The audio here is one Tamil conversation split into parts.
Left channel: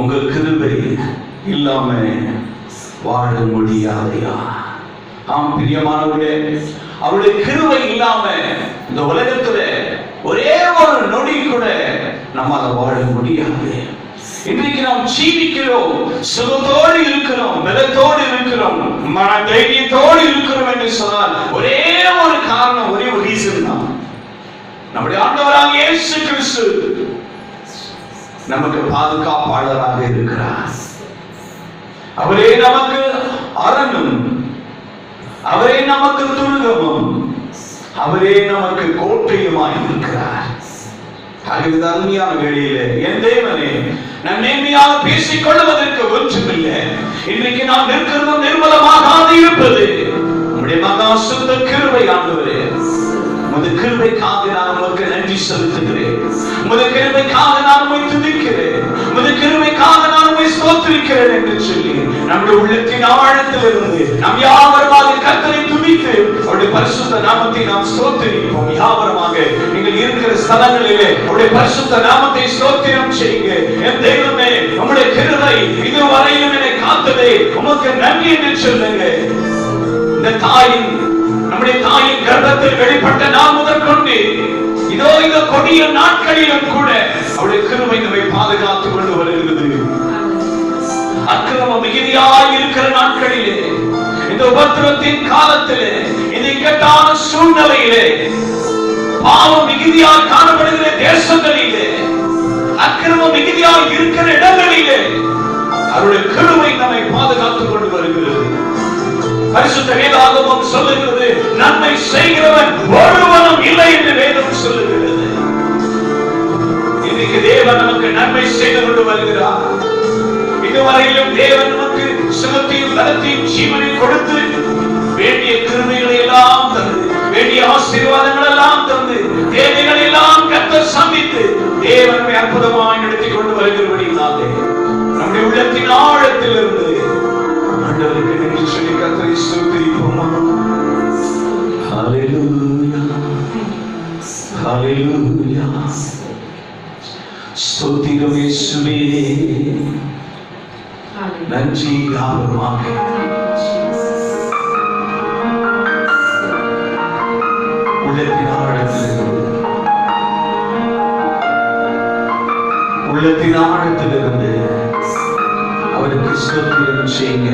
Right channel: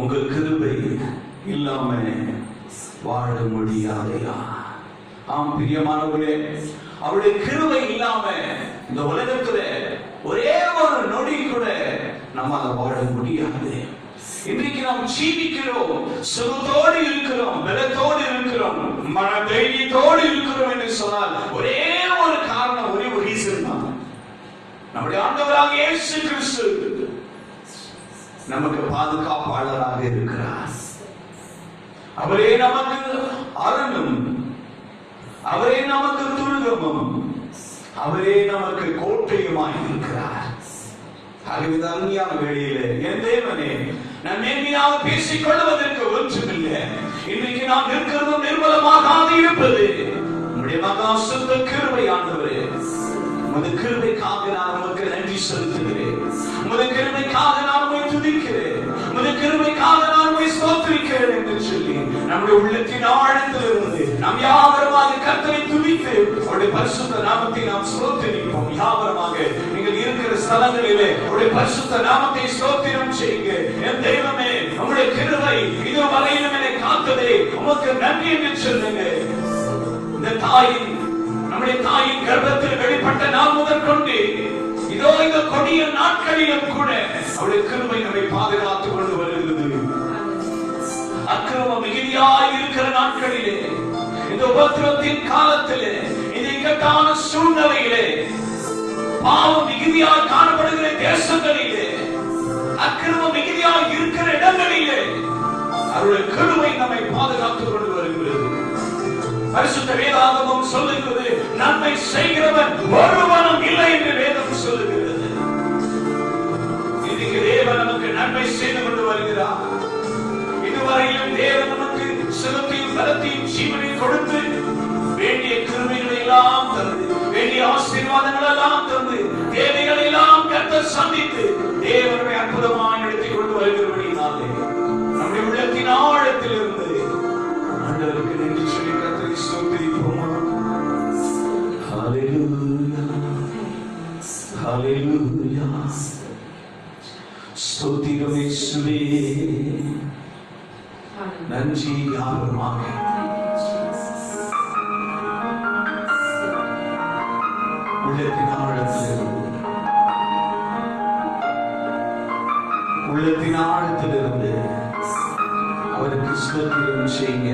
உங்க கிருபை இல்லாம வாழ முடியாதையா? ஆம் பிரியமானவர்களே, அவருடைய கிருபை இல்லாம இந்த உலகத்துல ஒரே ஒரு நொடி கூட நம்மால வாழ முடியாது. இன்றைக்கு நாம் ஜீவிக்கிறோம், சுகத்தோடு இருக்கிறோம், பலத்தோடு இருக்கிறோம், மன தைரியத்தோடு இருக்கிறோம் என்று சொன்னால் ஒரே ஒரு காரணம், ஒரே ஒரு ரீசன் தான். நம்முடைய ஆண்டவராக இயேசு கிறிஸ்து நமக்கு பாதுகாப்பாளராக இருக்கிறார். அவரே நமக்கு அரணும், அவரே நமக்கு துருகமும், அவரே நமக்கு கோட்டையுமாய் இருக்கிறார். அறிவு அருமையான வேளையிலே என் தேவனே, நான் மேன்மையாக பேசிக் கொள்வதற்கு ஒன்றுமில்லை. இன்றைக்கு நாம் நிற்கிறதும் நிர்மலமாக இருப்பது உம்முடைய மகா சுத்த கிருபை ஆண்டவரே. உமது கிருபைக்காக நான் உமக்கு நன்றி செலுத்துகிறேன். உமது கிருபைக்காக நான் உம்மை துதிக்கிறேன். உமது கிருபைக்காக நான் உம்மை ஸ்தோத்திரிக்கிறேன் என்று சொல்லி நம்முடைய உள்ளத்தின் ஆழத்திலிருந்து நாம் யாவருமாக கர்த்தரை துதித்து அவருடைய பரிசுத்த நாமத்தை நாம் ஸ்தோத்திரிப்போம். யாவருமாக நீங்கள் இருக்கிற ஸ்தலங்களிலே அவருடைய பரிசுத்த நாமத்தை ஸ்தோத்திரம் செய்யுங்க. என் தெய்வமே, உம்முடைய கிருபை இதுவரையிலும் என்னை காத்ததே உமக்கு நன்றி என்று சொல்லுங்க. இந்த தாயின், நம்முடைய தாயின் கர்ப்பத்தில் வெளிப்பட்ட நாம் முதற்கொண்டு இதோ இந்த கொடிய நாட்களிலும் கூட அவருடைய கிருபை நம்மை பாதுகாத்துக் கொண்டு வருகிறது. அக்கிரமம் மிகுதியாய் இருக்கிற நாட்களிலே, இந்த உபத்திரத்தின் காலத்திலே, இந்த இக்கட்டான சூழ்நிலையிலே, பாவம் மிகுதியாய் காணப்படுகிற தேசங்களிலே, அக்கிரமம் மிகுதியாய் இருக்கிற இடங்களிலே அவருடைய கிருபை நம்மை பாதுகாத்துக் கொண்டு வருகிறது. பரிசுத்த வேதாகமம் சொல்லுகிறது, நன்மை செய்கிறவன் ஒருவனும் இல்லை என்று வேதம் சொல்லுகிறது. இன்னைக்கு தேவன் நமக்கு நன்மை செய்து கொண்டு வருகிறார். இதுவரையிலும் தேவன் நமக்கு சுகத்தையும் பலத்தையும் ஜீவனையும் கொடுத்து வேண்டிய கிருபைகளை எல்லாம் தந்து, வேண்டிய ஆசீர்வாதங்கள் எல்லாம் தந்து, தேவைகளை எல்லாம் கர்த்தர் சந்தித்து தேவனை அற்புதமாய் நடத்திக் கொண்டு வருகிறபடினாலே நம்முடைய உள்ளத்தின் ஆழத்திலிருந்து ஆண்டவருக்கு நன்றி சொல்லி கர்த்தரை ஸ்தோத்திரிப்போமா? ஹல்லேலூயா, ஹல்லேலூயா. ஸ்தோத்திரம் இயேசுவே. நன்றி யாவருமாக. உள்ளத்தின் ஆழத்திலிருந்து, உள்ளத்தின் ஆழத்திலிருந்து அவருக்கு ஸ்தோத்திரம் செய்யுங்க.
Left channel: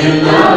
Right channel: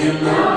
Hallelujah.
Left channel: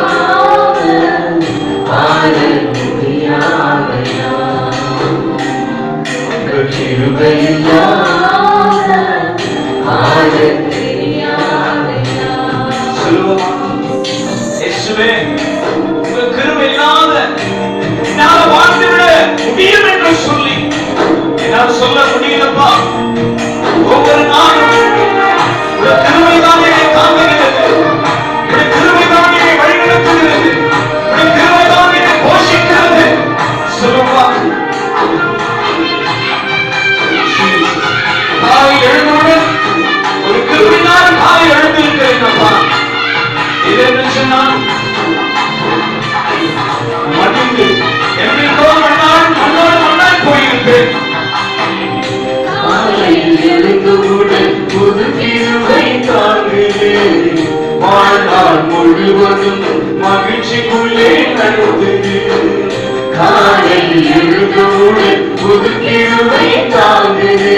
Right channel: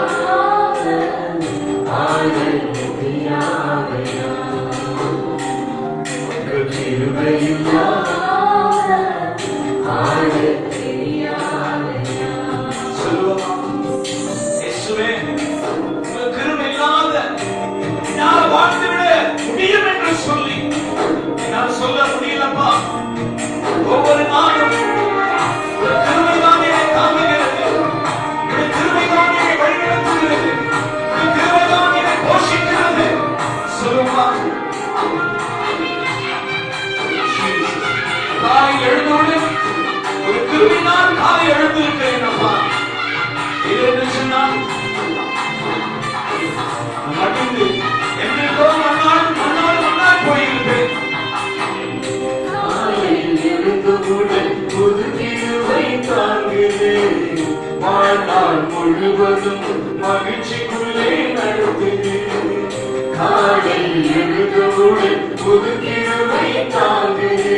காலையில் எழுந்தவுடன் புது கிருபை தாங்குது.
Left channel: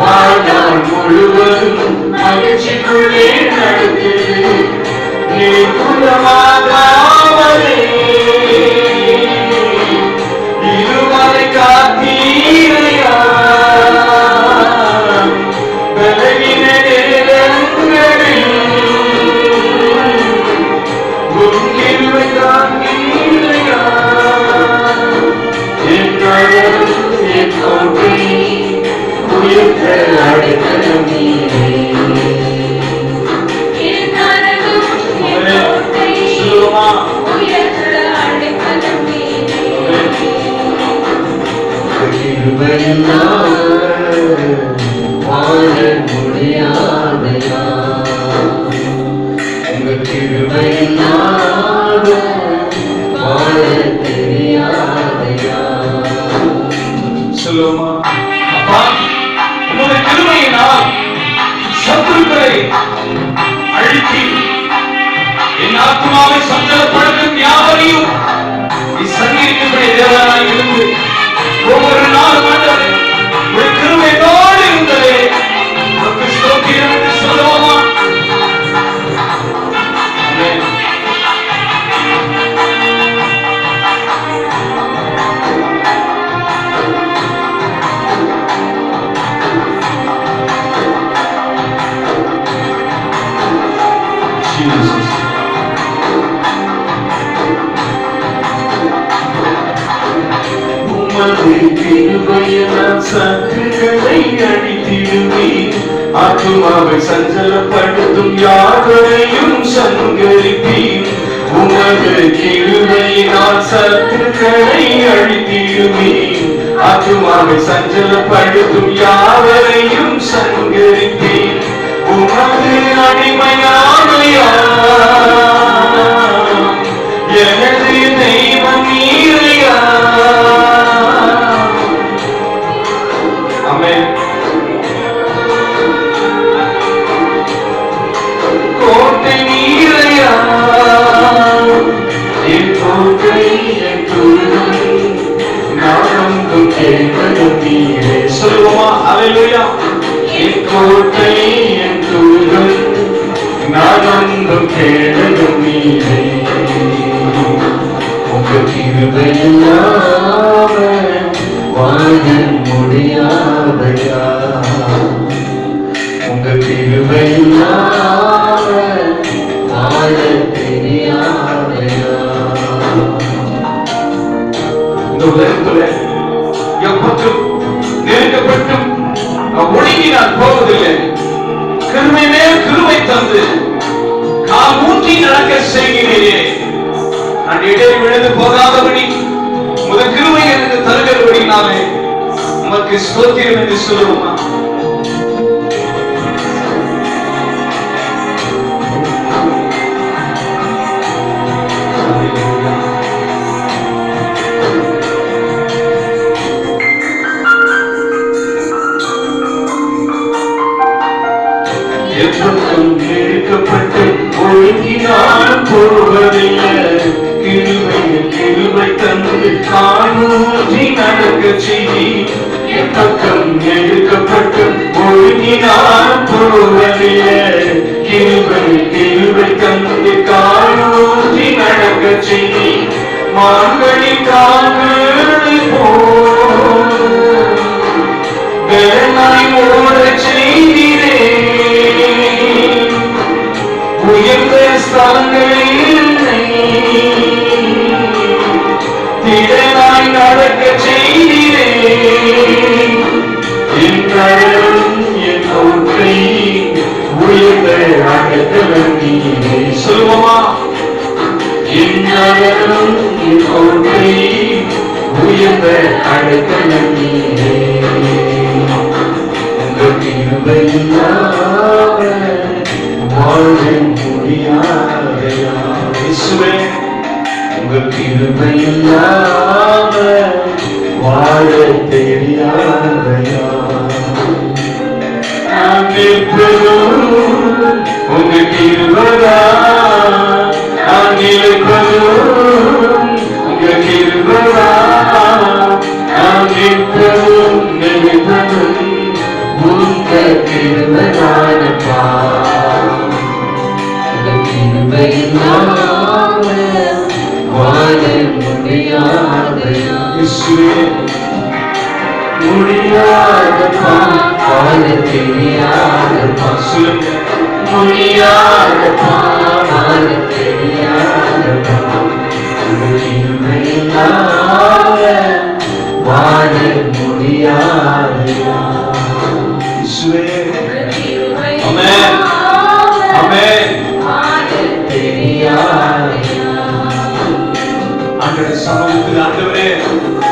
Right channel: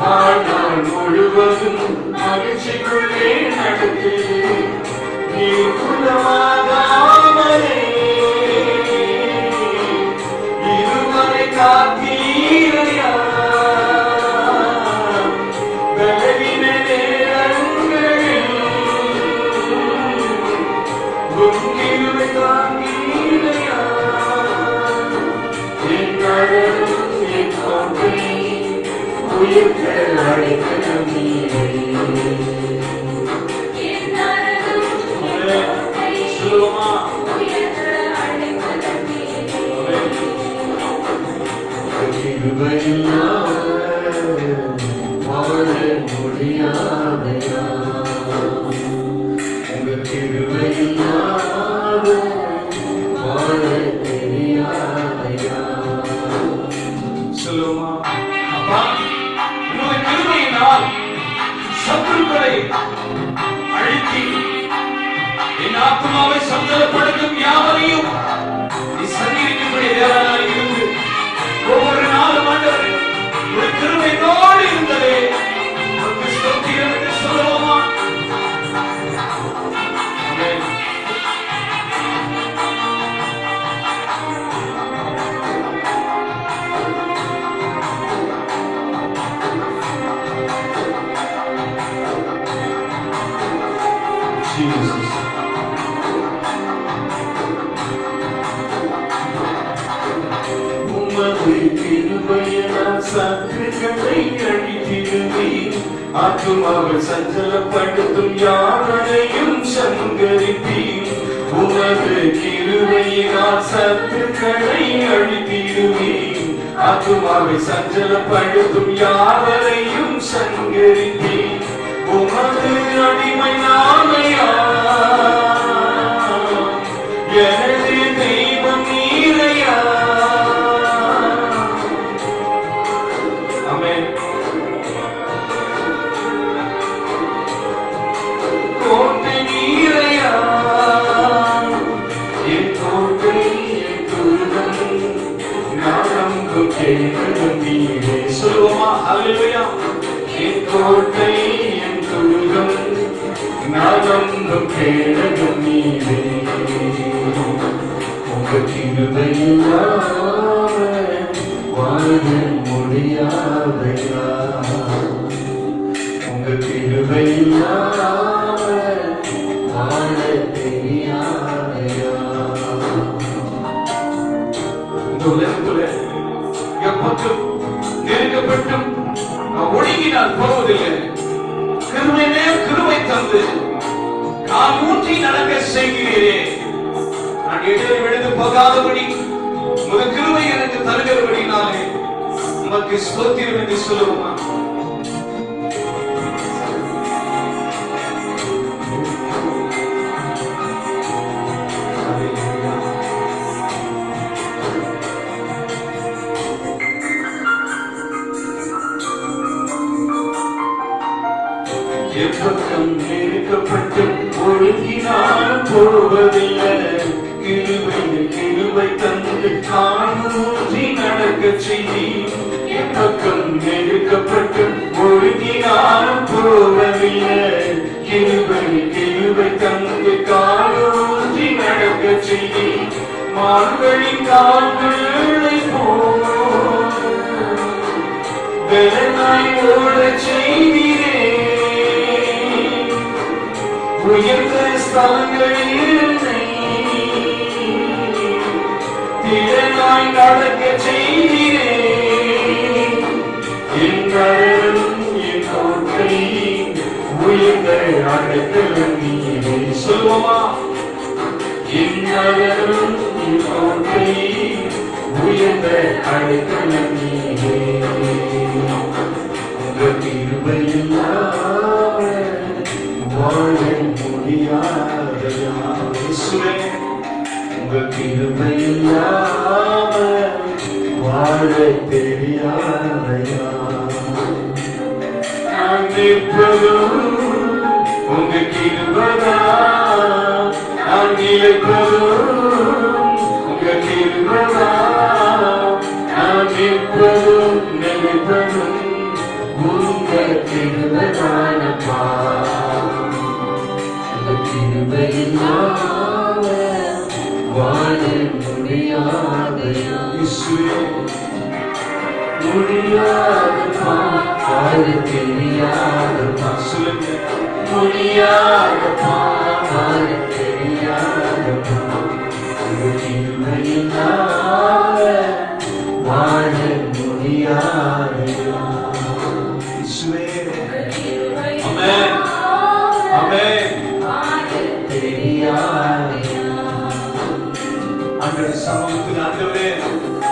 வாழ்நாள் முழுவதும் மகிழ்ச்சிக்குள்ளே நடக்குது. நீ குலமாகாமலே இருவரை காத்தீரையா. பலகின நேரங்களில் உன் கிருபை தாங்கீரையா. என் கரம் என் கோட்டை உயர்த்த அடைக்கலம் நீரே. வாழ முடியாதையா உங்க கிருபையில்லாத வாழ தெரியாதையா. சொல்லுமா அப்பா, உமது கிருபையினால் சத்துருக்களை அழித்து என் ஆத்மாவை சஞ்சலப்படுத்தும் யாவரையும் நீ சந்திக்கும்படி தேவனாய் இருந்து ஒவ்வொரு நாளும் ஆண்டவரே உம்முடைய கிருபை என்னோடு இருந்ததே உமக்கு ஸ்தோத்திரம் என்று சொல்லுவோமா? ஆமென். Jesus. உமது கிருபையினால் சத்துருக்களை அழித்திடுவே. ஆத்துமாவை சஞ்சலப்படுத்தும் யாவரையும் சங்கரிப்பீர். உமது கிருபையினால் சத்துருக்களை அழித்திடுவே. ஆத்துமாவை சஞ்சலப்படுத்தும் யாவரையும் சங்கரிப்பீர். உமது அடிமையாமையா எனது தெய்வம் நீரையா. ஆமென். கோட்டை நீரையா என் கோட்டை என் துருகம் நானும் கேட்பதும் நீரே. சொல்லுவோமா? அல்லேலூயா. என் கோட்டை என் துருகம் நானும் கேட்பதும் நீரே. உங்க கிருபையில்லாம வாழ முடியாதையா. உங்க கிருபையில்லாம வாழ தெரியாதையா. இந்த உலகத்துல எப்போதும் நெருக்கப்பட்டும் ஒடுங்கி நான் போவதில்லை. கிருபை மேல் கிருபை தந்து கால் ஊன்றி நடக்க செய்கிறீரே. நான் இடையே விழுந்து போகாதபடி முதல் கிருபை எனக்கு தருகிறபடினாலே உமக்கு ஸ்தோத்திரம் என்று சொல்லுவோமா? எப்பக்கம் நெருக்கப்பட்டு ஒழுங்கினால் போவதில்லை. கிருபையில் கிருபை தந்து காணூற்றி நடக்க செய்தி. எப்பக்கம் நெருக்கப்பட்டு ஒழுங்கினால் போவதில்லை. கிருபையில் கிருபை தந்து காணூற்றி நடக்க செய்தி. மார்கழி கால்களை போல் வேளாய் ஓட செய்திரே. உயர்ந்த ஸ்தலங்களில் திடனாய் நடக்க செய்திரே. என் கரம் என் கோட்டை உயர்ந்த அடைக்கலம் நீரே. சொல்லுவோமா? என் கரம் என் கோட்டை உயர்ந்த அடைக்கலம் நீரே. உங்க கிருபையில்லாம வாழ முடியாதையா. இயேசுவே, உங்க கிருபையில்லாம வாழ தெரியாதையா. நான் நிற்பதும் உங்க கிருபைதான். நான் நிற்பதும் உங்க கிருபைதான். கிருபைதானப்பா கிருபையில்லாம வாழ முடியாதையா இயேசுவே முடியாதப்பா வாழ தெரியாதப்பா சொல்லுங்க முடியாதப்பா வாழ தெரியாதப்பா கிருபையில்லாம வாழ முடியாதையா இயேசுவே ஆமென் ஆமென் ஆண்டவரே சமூகத்தில் ஆண்டவரே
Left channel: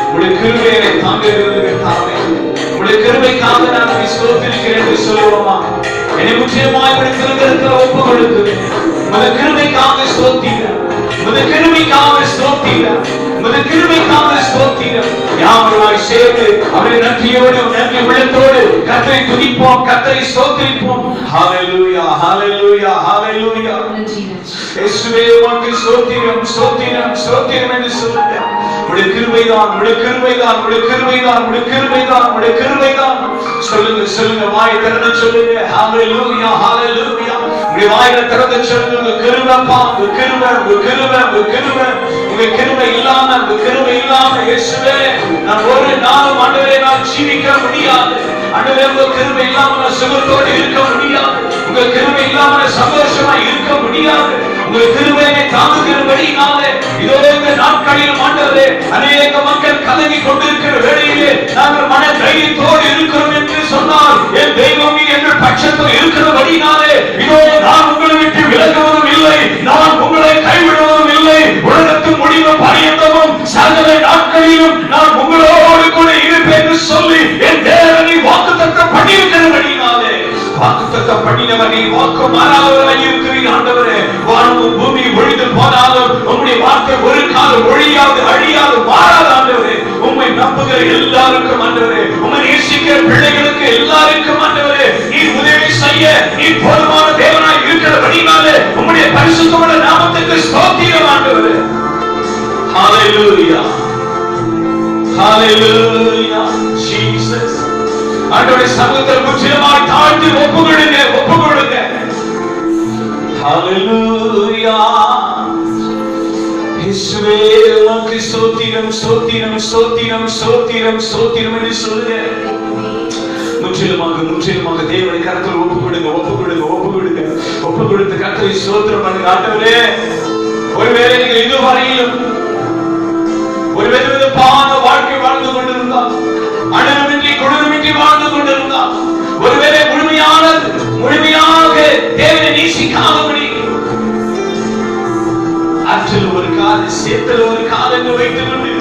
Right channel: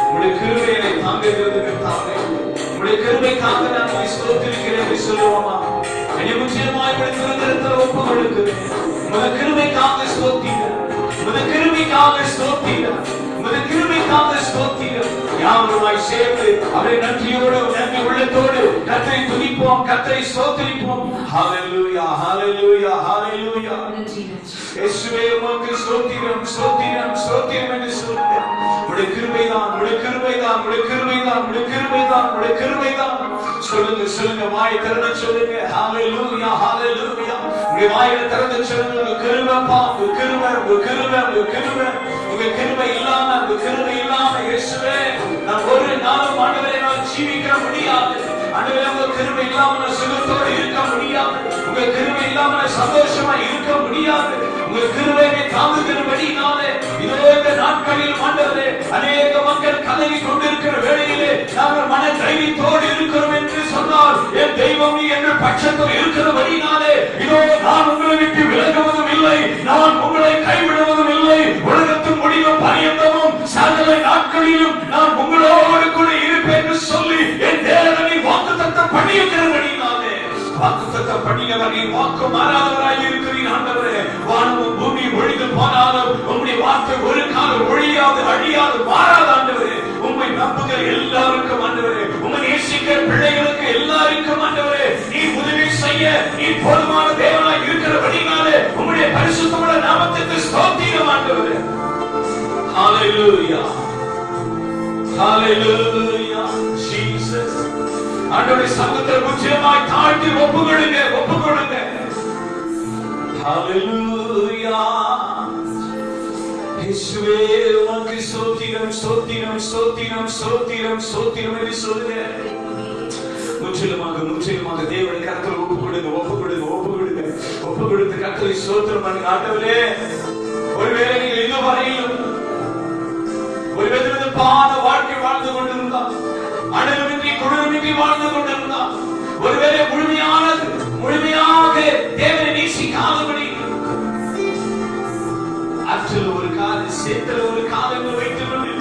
உடைய கிருபையை தாங்குகிறது கர்த்தாவே உடைய கிருபைக்காக நான் ஸ்தோத்திரிக்கிறேன் என்று சொல்லுவோமா என்னை முற்றிலுமாய் உடைய திருக்கரத்தில் ஒப்பு கொடுக்கிறேன் உடைய கிருபைக்காக ஸ்தோத்திரம் உடைய கிருபைக்காக ஸ்தோத்திரம் உடைய கிருபைக்காக ஸ்தோத்திரம் யாவருமாய் சேர்ந்து அவரை நன்றியோடு நன்றி உள்ளத்தோடு கர்த்தரை துதிப்போம் கர்த்தரை ஸ்தோத்திரிப்போம் ஹalleluya ஹalleluya ஹalleluya இயேசுவே உமக்கு ஸ்தோத்திரம் ஸ்தோத்திரம் ஸ்தோத்திரம் என்று சொல்லுங்க உடைய கிருபைதான் உடைய கிருபைதான் உடைய கிருபைதான் உடைய கிருபைதான் உடைய கிருபைதான் சொல்லுங்க சொல்லுங்க வாய் திறந்து சொல்லுங்க ஹalleluya ஹalleluya உடைய வாயை திறந்து சொல்லுங்க கிருபைப்பா கிருபை கிருபை கிருபை உங்க கிருபை இல்லாம உங்க கிருபை இல்லாம இயேசுவே நான் ஒரு நாளும் ஆண்டவரே நான் ஜீவிக்க முடியாது ஆண்டவரே உங்க கிருபை இல்லாம நான் சுகத்தோடு இருக்க முடியாது உங்க கிருபை இல்லாம சந்தோஷமா இருக்க முடியாது உங்க கிருபையை தாங்குகிறபடினாலே இதோ இந்த நாட்களில் ஆண்டவரே அநேக மக்கள் கலங்கி கொண்டிருக்கிற வேளையிலே நாங்கள் மன தைரியத்தோடு இருக்கிறோம் என்று சொன்னால் என் தெய்வம் எங்கள் பட்சத்தில் இருக்கிறபடினாலே இதோ நான் உங்களை விட்டு விலகுவதும் இல்லை நான் உங்களை கைவிடுவதும் இல்லை உலகத்தின் முடிவு பரியந்தமும் சகல நாட்களிலும் நான் உங்களோடு கூட இருப்பேன் என்று சொல்லி என் தேவனை வாக்குத்தத்தம் பண்ணியிருக்கிறபடினாலே வாக்குத்தத்தம் பண்ணினவர் நீ வாக்கு மாறாதவராய் இருக்கிறீர் ஆண்டவரே வானமும் பூமி ஒழிந்து போனாலும் உம்முடைய வார்த்தை ஒரு காலம் ஒழியாது அழியாது மாறாது ஆண்டவரே உம்மை நம்புகிற எல்லாருக்கும் ஆண்டவரே உம்மை நேசிக்கிற பிள்ளைகளுக்கு எல்லாருக்கும் ஆண்டவரே நீ உதவி செய்ய நீ போதுமான தேவனாய் இருக்கிறபடினாலே உம்முடைய பரிசுத்தமான நாமத்துக்கு ஸ்தோத்திரம் ஆண்டவரே ஹalleluya ஹalleluya ஜீசஸ் ஆண்டவரே சமூகத்தில் முற்றிலுமாய் தாழ்த்தி ஒப்பு கொடுங்க ஹalleluya இயேசுவே உமக்கு ஸ்தோத்திரம் ஸ்தோத்திரம் ஸ்தோத்திரம் ஸ்தோத்திரம் ஸ்தோத்திரம் என்று சொல்லுங்க முற்றிலுமாக தேவனை கரத்தில் ஒப்பு கொடுத்து கர்த்தரை ஸ்தோத்திரம் பண்ணுங்க ஆண்டவரே ஒருவேளை நீங்கள் இதுவரையிலும் ஒரு வெதுவெதுப்பான வாழ்க்கை வாழ்ந்து கொண்டிருந்தால் அனுபவமின்றி குளிர்மின்றி வாழ்ந்து கொண்டிருந்தால் ஒருவேளை முழுமையாக தேவனை நேசிக்காதபடி ஆற்றில் ஒரு கால சேத்தில் ஒரு காலங்கள் வைத்துக் கொண்டு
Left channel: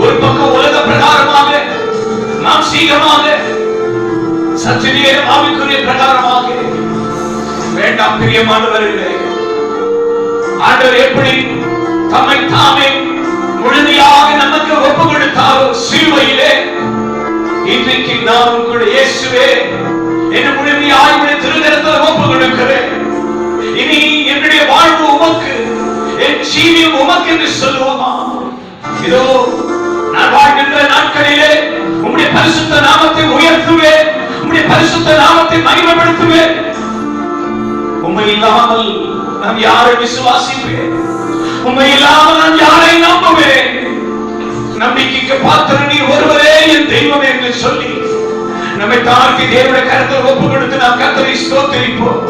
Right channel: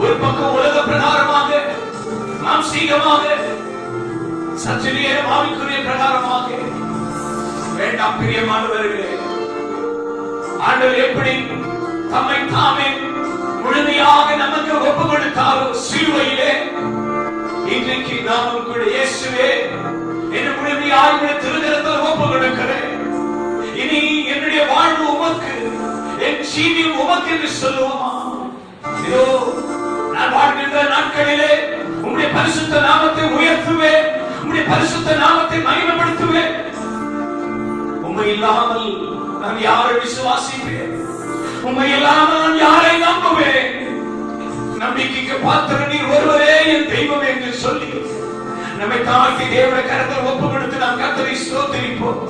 ஒரு பக்கம் உலக பிரகாரமாக நாம் சீக்கிரமாக சற்று நேரம் ஆவிக்குரிய பிரகாரமாக வேண்டாம் பிரியமானவர்களே ஆண்டவர் எப்படி தம்மை தாமே முழுமையாக நமக்கு ஒப்பு கொடுத்தாரோ சிலுவையிலே இன்றைக்கு நாம் கூட இயேசுவே என்னை முழுமையாக திருக்கரத்தில் ஒப்பு கொடுக்கிறேன் இனி என்னுடைய வாழ்வு உமக்கு என் ஜீவியம் உமக்கு என்று சொல்லுவோமா இதோ நான் வாழ்கின்ற நாட்களிலே உம்முடைய பரிசுத்த நாமத்தை உயர்த்துவேன் உம்முடைய பரிசுத்த நாமத்தை மகிமைப்படுத்துவேன் உம்மை இல்லாமல் நான் யாரை விசுவாசிப்பேன் உம்மை இல்லாமல் நான் யாரை நம்புவேன் நம்பிக்கைக்கு பாத்திர நீர் ஒருவரே என் தெய்வம் என்று சொல்லி நம்மை தாழ்த்தி தேவனுடைய கரத்தில் ஒப்பு கொடுத்து நாம் கர்த்தரை ஸ்தோத்திரிப்போம்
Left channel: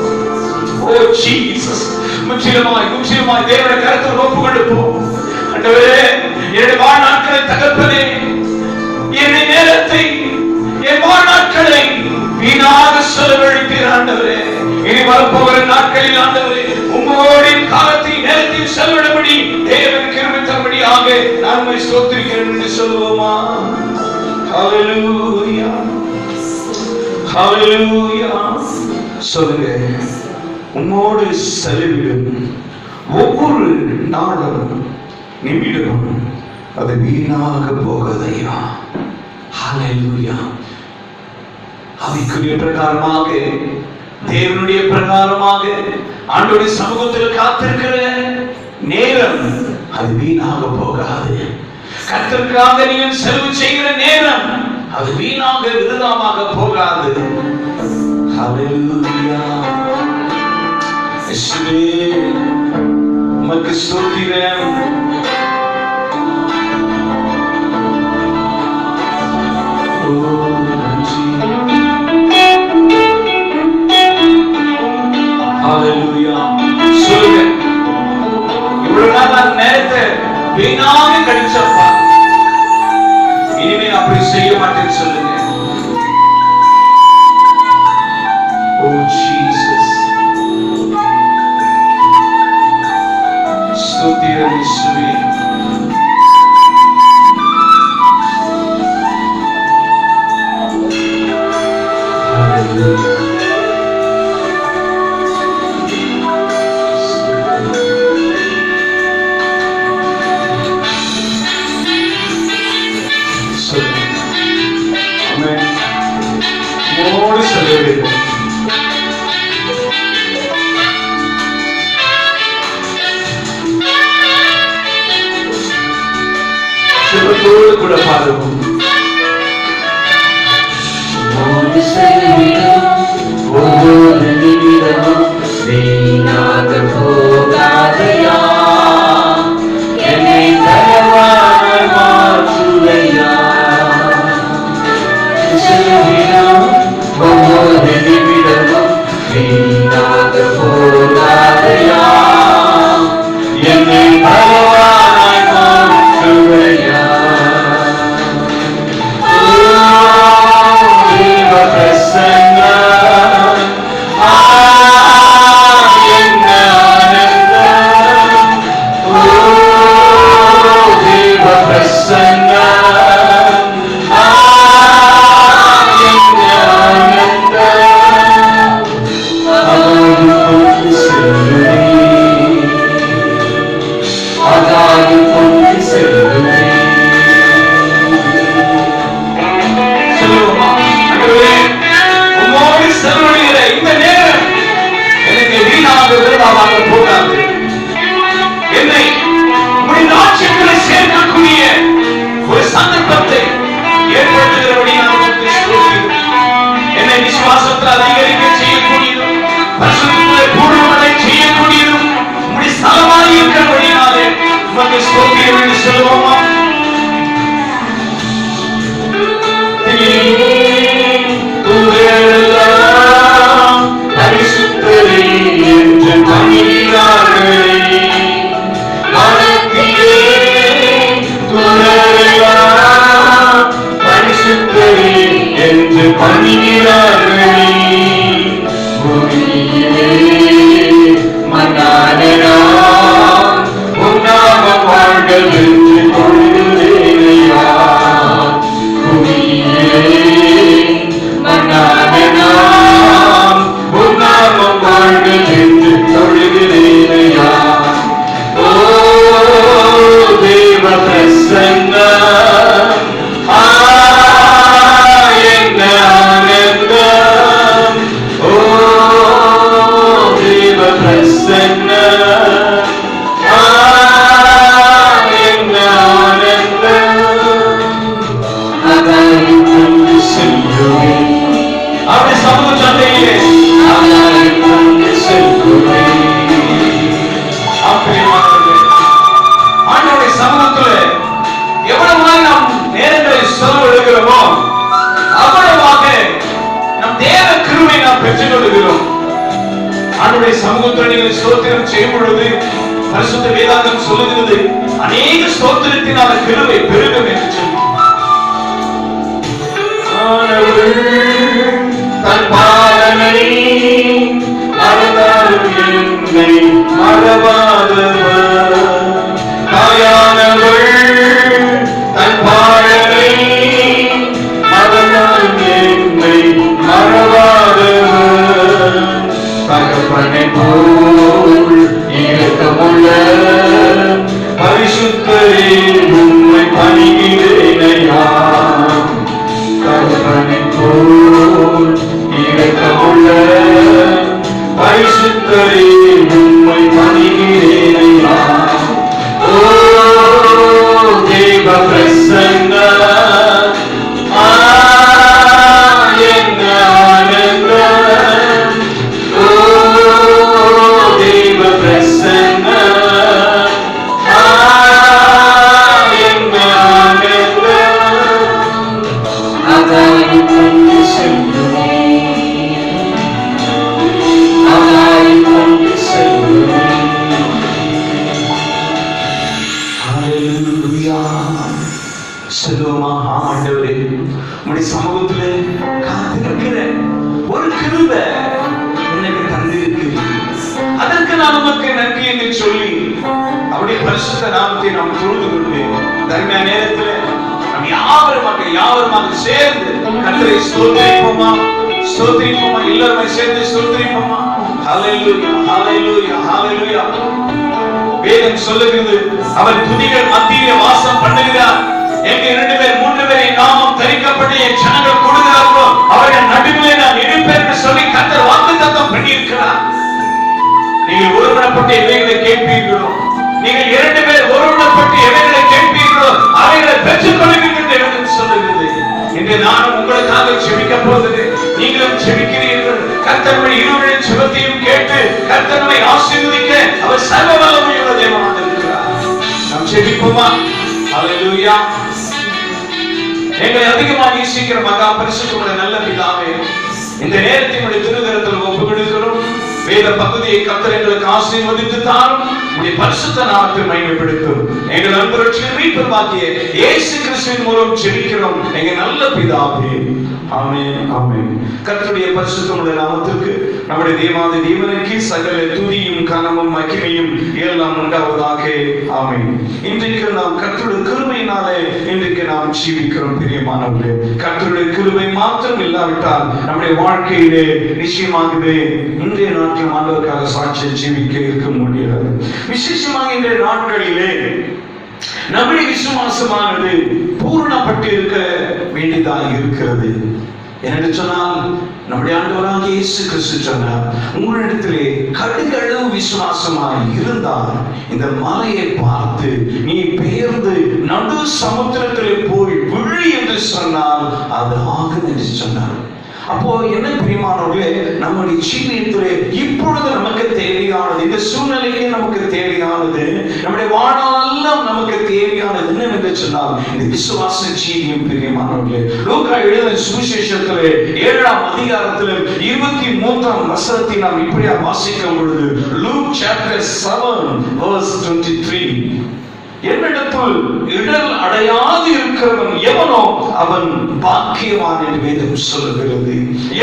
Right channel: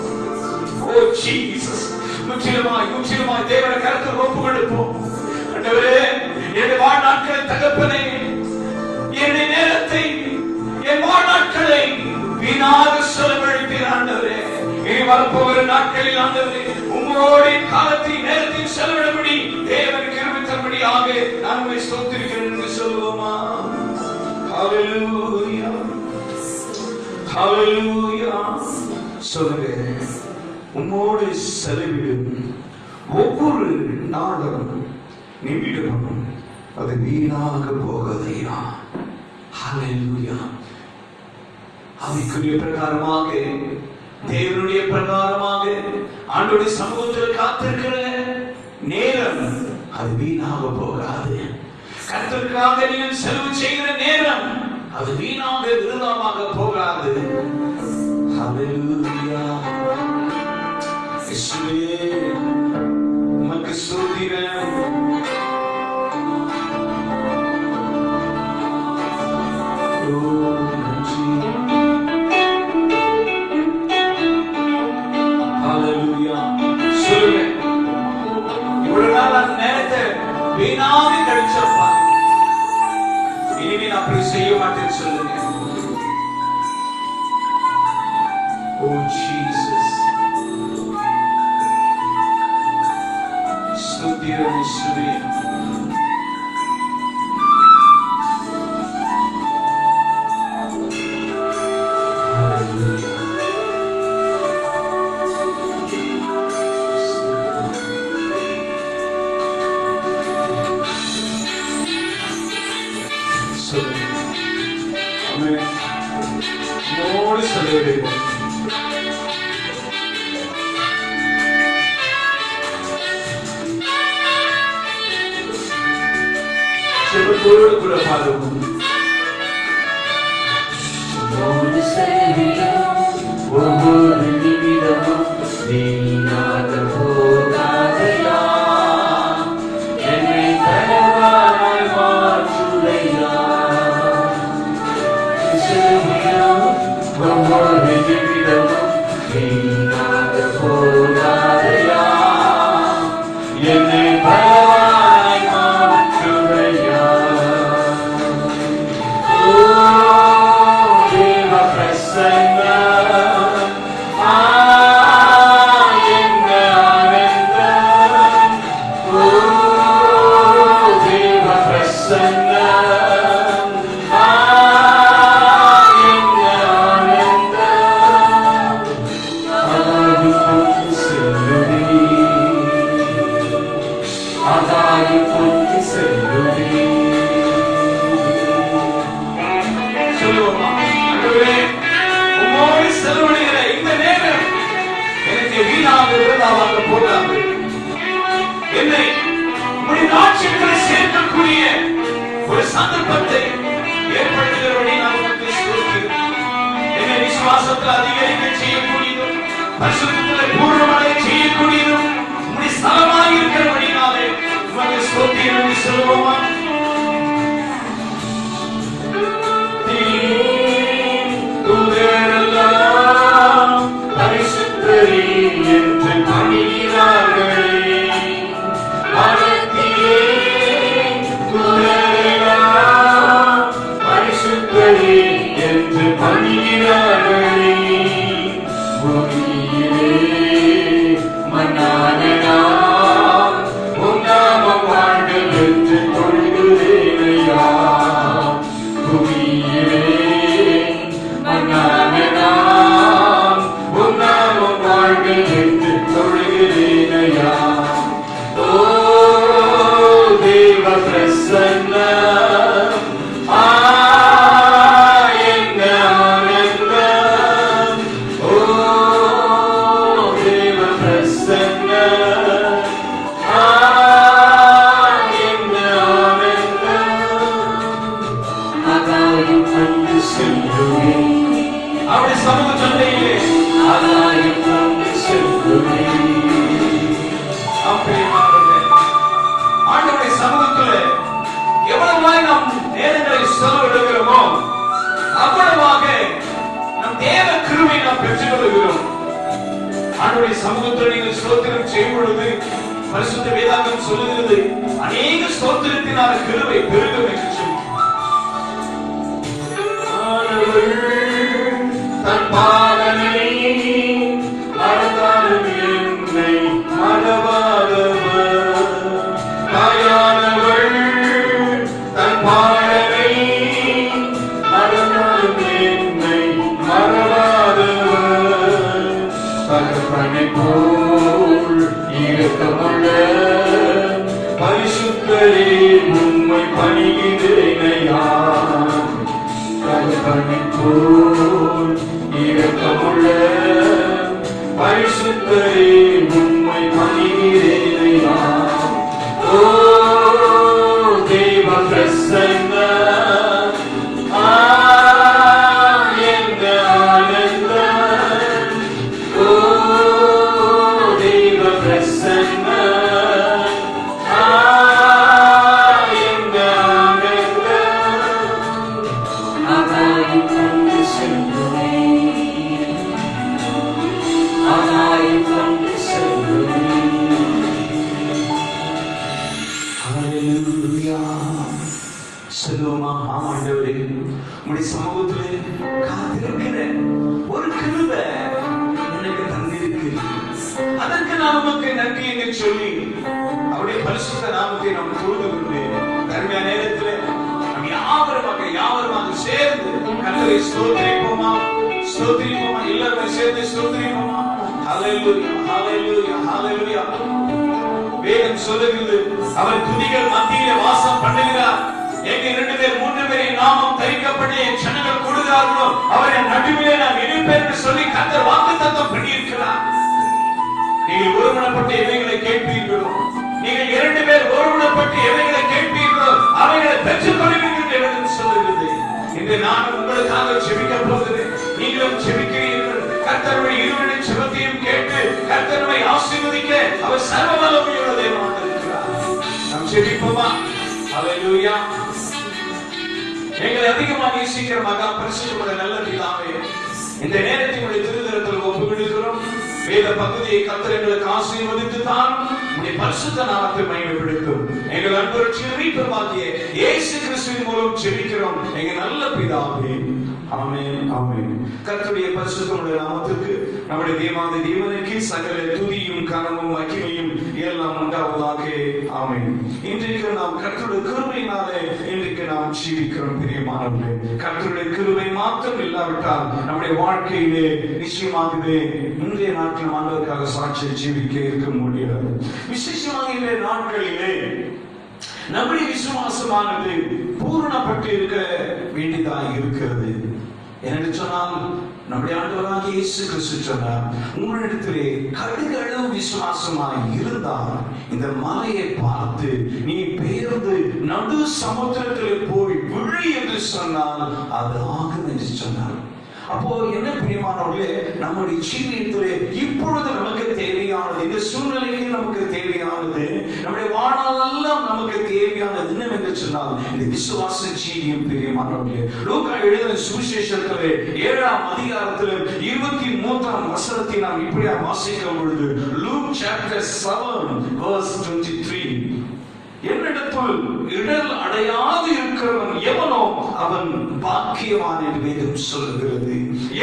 ஓ ஜீசஸ் முற்றிலுமாய் தேவனுடைய கரத்தில் ஒப்பு கொடுப்போம் ஆண்டவரே என்னுடைய வாழ்நாட்களை தகப்பனே என்னுடைய நேரத்தை என் வாழ்நாட்களை வீணாக செலவழித்தீர் ஆண்டவரே இனி வரப்போகிற நாட்களில் ஆண்டவரே உம்மோடு காலத்தை நேரத்தில் செலவிடும்படி தேவன் கிருபை தரும்படியாக நான் உம்மை ஸ்தோத்திரிக்கிறேன் என்று சொல்லுவோமா ஹalleluya ஹalleluya சொல்லுங்க உம்மோடு செலவிடும் ஒவ்வொரு நாளும் நிமிடமும் அது வீணாக போகாதையா ஹalleluya ஆவிக்குரிய பிரகாரமாக தேவனுடைய பிரகாரமாக ஆண்டவருடைய சமூகத்தில் காத்திருக்கிற நேரம் அது வீணாக போகாது கர்த்தருக்காக நீங்கள் செலவு செய்கிற நேரம் அது வீணாக விருதாமாக போகாது ஹalleluya இயேசுவே உமக்கு ஸ்தோத்திரம். வீணாக கழிச்சப்பா, இனிமே அப்படி செய்ய மாட்டேன்னு சொல்லுங்க. ஓ ஜீசஸ், ஸ்தோத்திரம் இயேசுவே. சிவத்தோடு கூட பாடுவோம். ஒவ்வொரு நிமிடமும் வீணாக போகாதையா, என்னை தயவாய் மாற்றுவையா. ஒவ்வொரு நிமிடமும் வீணாக போகாதையா, என்னை தயவாய் மாற்றுவையா. என்னை ராஜ்யத்திலே சேர்க்கக்கூடிய ஒரு சந்தர்ப்பத்தை ஏற்படுத்துகிறபடி நமக்கு ஸ்தோத்திரம். என்னை விசுவாசத்தில் அதிகரிக்க செய்யக்கூடியதும் பரிசுத்தத்திலே பூர்ணமடை செய்யக்கூடியதும் உம்முடைய ஸ்தலமாய் இருக்கிறபடியாலே உமக்கு ஸ்தோத்திரம் என்று சொல்லுவோமா? பரிசுத்தரே என்று பணிகிறார்கள். என்று பணிகிறார்கள். மன்னானே உன்னாம வாழ்கள் என்று கொள்கிறேனையா. மன்னானே உன்னாம வாழ்கள் என்று கொள்கிறேனையா. ஓ தேவ பிரசன்னம், அவருடைய சமூக சந்தையிலே ஆண்டவருடைய சமூகத்திலே எவ்வளவு நாம் நேரங்களை செலவழிக்கிறோமோ அவ்வளவாக நம் தேவ கிருபையை நாம் பெற்றுக் கொள்கிறோம். ஆண்டவருடைய சமூகத்தில் நீங்கள் ஸ்தோத்திரம் செய்யும் பொழுது பரிசுத்த வேதாகம் சொல்லுகிறது, அநேக ஸ்தோத்திரத்தினால கிருபை பெருகும் என்று சொல்லி. தன் பாலனை மறந்தாலும் என்னை மறவாதவர். தாயானவள் தன் பாலனை மறந்தாலும் என்னை மறவாதவர். தகப்பனை போல் இரக்கமுள்ள பரிசுத்தரே உம்மை பணிகிறேனையா. தகப்பனை போல் இரக்கமுள்ள பரிசுத்தரே உம்மை பணிகிறேனையா. ஓ தேவ பிரசன்னம், என்ன ஆனந்தம். நான் உமக்கு நன்றி என்று சொல்லி அவருடைய பரிசுத்த நாமத்தை நாம் தொழுது கொண்டு தர்ம நேரத்தில் நாம் யாவருமாக சேர்ந்து கர்த்தரை ஸ்தோத்திரிப்போமா, எல்லாருமே சேர்ந்து ஸ்தோத்திரிப்போமா. ஹல்லேலூயா, ஹல்லேலூயா, ஹல்லேலூயா. வேதம் சொல்லுகிறது, அவர் துதிகள் மத்தியிலே வாசம் பண்ணுகிறார். எங்க 2 பேர் 3 பேரை நாமம் தரிக்கப்பட்ட என் ஜனங்கள் கொடுக்கிறார்களோ அவர்கள் நடுவிலே நான் இருப்பேன் என்று சொல்லி கர்த்தர் வாக்குத்தத்தம் பண்ணியிருக்கிறார். நீங்கள் ஒருமனப்பட்டு எவைகளை கேட்பீர்களோ, நீங்கள் 2 பேர் ஒருமனப்பட்டு எவைகளை கேட்பீர்களோ அவைகளை பெற்றுக் கொள்வீர்கள் என்று சொல்லுகிறது. இன்று நான் உங்களுக்காக ஜெபிக்க போகிறேன், நீங்களும் ஜெபிக்கிறீர்கள். கர்த்தருடைய இருவரின் ஜெபத்தையும் கேட்டு கர்த்தரை ஆசீர்வதிக்க அவர் சர்வ வல்லமையுள்ள தேவனாக இருக்கிறார். நாம் ஜெபிப்போமா? ஹல்லேலூயா. எங்களை அதிகமாக நேசிக்கிற மகா பரிசுத்தமுள்ள நல்ல பிதாவே, இந்த நேரத்தினுடைய திருக்கரத்தில் ஒப்புக் கொடுக்கிறோம். வேத பகுதியை கர்த்தர் எங்களுக்கு ஆசீர்வதித்து தாரும். உம்முடைய பரிசுத்த நாமத்தை மகிமைப்படுத்தும். எங்கள் அன்பு ரட்சகர் மீட்பராகிய இயேசு கிறிஸ்துவின் மூலம் ஜெபிக்கிறோம் எங்கள் நல்ல பிதாவே. ஆமென், ஆமென். கர்த்தருடைய பரிசுத்தமுள்ள நாமத்திற்கு நம்முடைய தேவாதி தேவனுக்கு சகல துதியும் கனமும் மகிமையும் எல்லாம் உண்டாவதாக. ஆமென். இன்றைக்கு நாம் கர்த்தருடைய கிருபையினாலே இன்றைக்கு நாம் ஜீவிக்கிறோம். பிரியமானவர்களே, கர்த்தருடைய கிருபை மாத்திரம் இல்லாவிட்டால் நம்முடைய வாழ்க்கையிலே நிச்சயமாகவே இன்றைய நாட்டில் ஆண்டவருக்காக சாட்சியை ஜீவிக்க இருக்க முடியாது. விசேஷமாக இன்றைய நாட்களிலே நம்முடைய விசுவாசமானது பூரணப்பட்டு இருக்க வேண்டியதாக இருக்கிறது. என்று சொன்னால் நம்முடைய ஆண்டவராகிய இயேசு கிறிஸ்து சொன்னார், உங்களிடத்திலே கடுகளவு விசுவாசமாய் இருந்தால் இந்த மலையை பார்த்து நீ பெயர்ந்து நடு சமுத்திரத்திலே போய் விழு என்று சொன்னால் அது ஆகும் என்று சொன்னார். அப்போ என்ன பிரியமானவர்களே, நம்முடைய ஜீவியத்திலே இப்பொழுது நமக்கு தேவையானது, இந்த சூழ்நிலைக்கு நமக்கு தேவையானது, நம்முடைய வாழ்நாளெல்லாம் நமக்கு தேவையானது என்னவென்று சொன்னால் இந்த விசுவாச ஜீவியம். பிரியமானவர்களே, லூக்கா எழுதின சுவிசேஷத்திலே 7ஆம் அதிகாரத்திலே 23ஆம் வசனத்தை நாம் இப்படியா வாசிக்கும் பொழுது, Luke chapter 7 verse 23, என்னிடத்தில் இடர் அடையாது இருக்கிறவன் எவனோ அவன் பாக்கியவான் என்று வேதம் சொல்லுகிறது.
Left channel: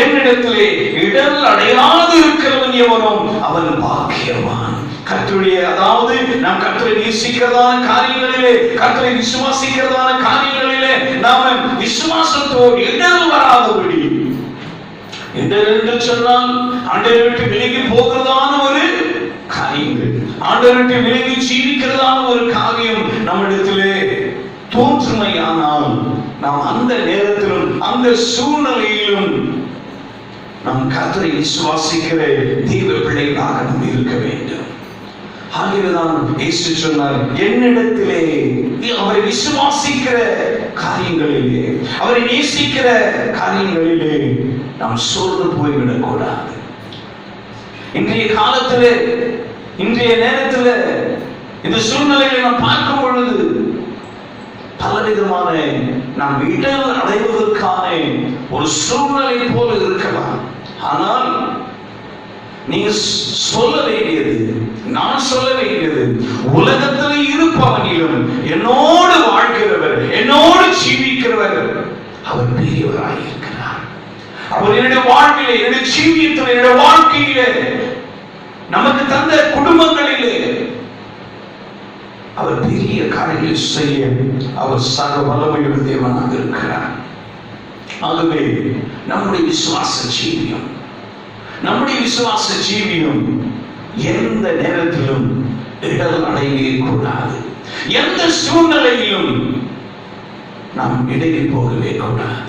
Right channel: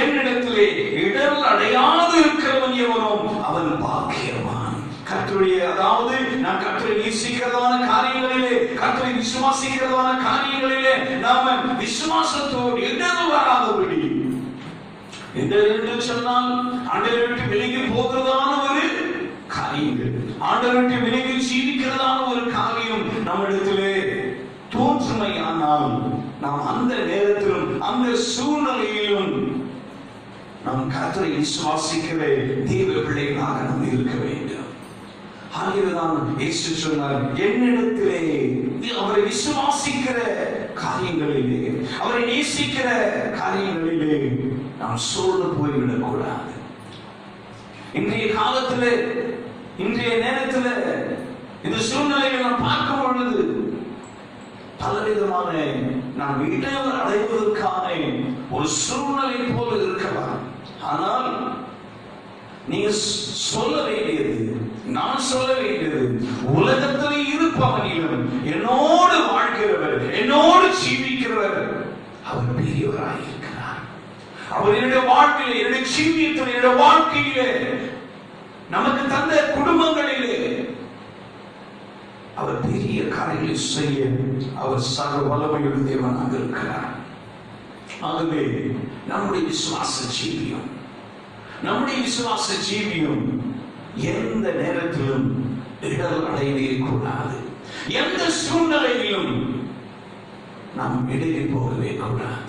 என்னிடத்திலே இடர் அடையாது இருக்கிறவன் எவனோ அவன் பாக்கியவான். கர்த்தருடைய, அதாவது நாம் கர்த்தரை நேசிக்கிறதான காரியங்களிலே, கர்த்தரை விசுவாசிக்கிறதான காரியங்களிலே நாம் விசுவாசத்தோடு இடர் வராதபடி, இடர் என்று சொன்னால் ஆண்டவரை விட்டு விலகி போகிறதான ஒரு காரியங்கள், ஆண்டவரை விலகி ஜீவிக்கிறதான ஒரு காரியம் நம்மிடத்திலே தோன்றுமையானால் நாம் அந்த நேரத்திலும் அந்த சூழ்நிலையிலும் நாம் கர்த்தரை விசுவாசிக்கிற தெய்வ பிள்ளைகளாக நாம் இருக்க வேண்டும். ஆகவேதான் இயேசு சொன்னார், என்னிடத்திலே அவரை விசுவாசிக்கிற காரியங்களிலே, அவரை நேசிக்கிற காரியங்களிலே நாம் சோர்ந்து போய்விடக் கூடாது. இன்றைய காலத்திலே, இன்றைய நேரத்தில் இந்த சூழ்நிலையை நாம் பார்க்கும் பொழுது பலவிதமான நாம் இடர் அடைவதற்கான ஒரு சூழ்நிலை போல இருக்கலாம். ஆனால் நீங்க சொல்ல வேண்டியது, நான் சொல்ல வேண்டியது, உலகத்தில் இருப்பவனிலும் என்னோடு வாழ்கிறவர், என்னோடு ஜீவிக்கிறவர் அவர் பெரியவராக இருக்கிறார். அவர் என்னுடைய வாழ்க்கையிலே, என்னுடைய ஜீவியத்தில், என்னுடைய வாழ்க்கையிலே, நமக்கு தந்த குடும்பங்களிலே அவர் பெரிய காரியங்களை செய்ய அவர் சக வல்லமையுள்ள தேவனாக இருக்கிறார். ஆகவே நம்முடைய விசுவாச ஜீவியம், நம்முடைய விசுவாச ஜீவியம் எந்த நேரத்திலும் இடர் அடையவே கூடாது. எந்த சூழ்நிலையிலும் நாம் இடறி போகவே கூடாது.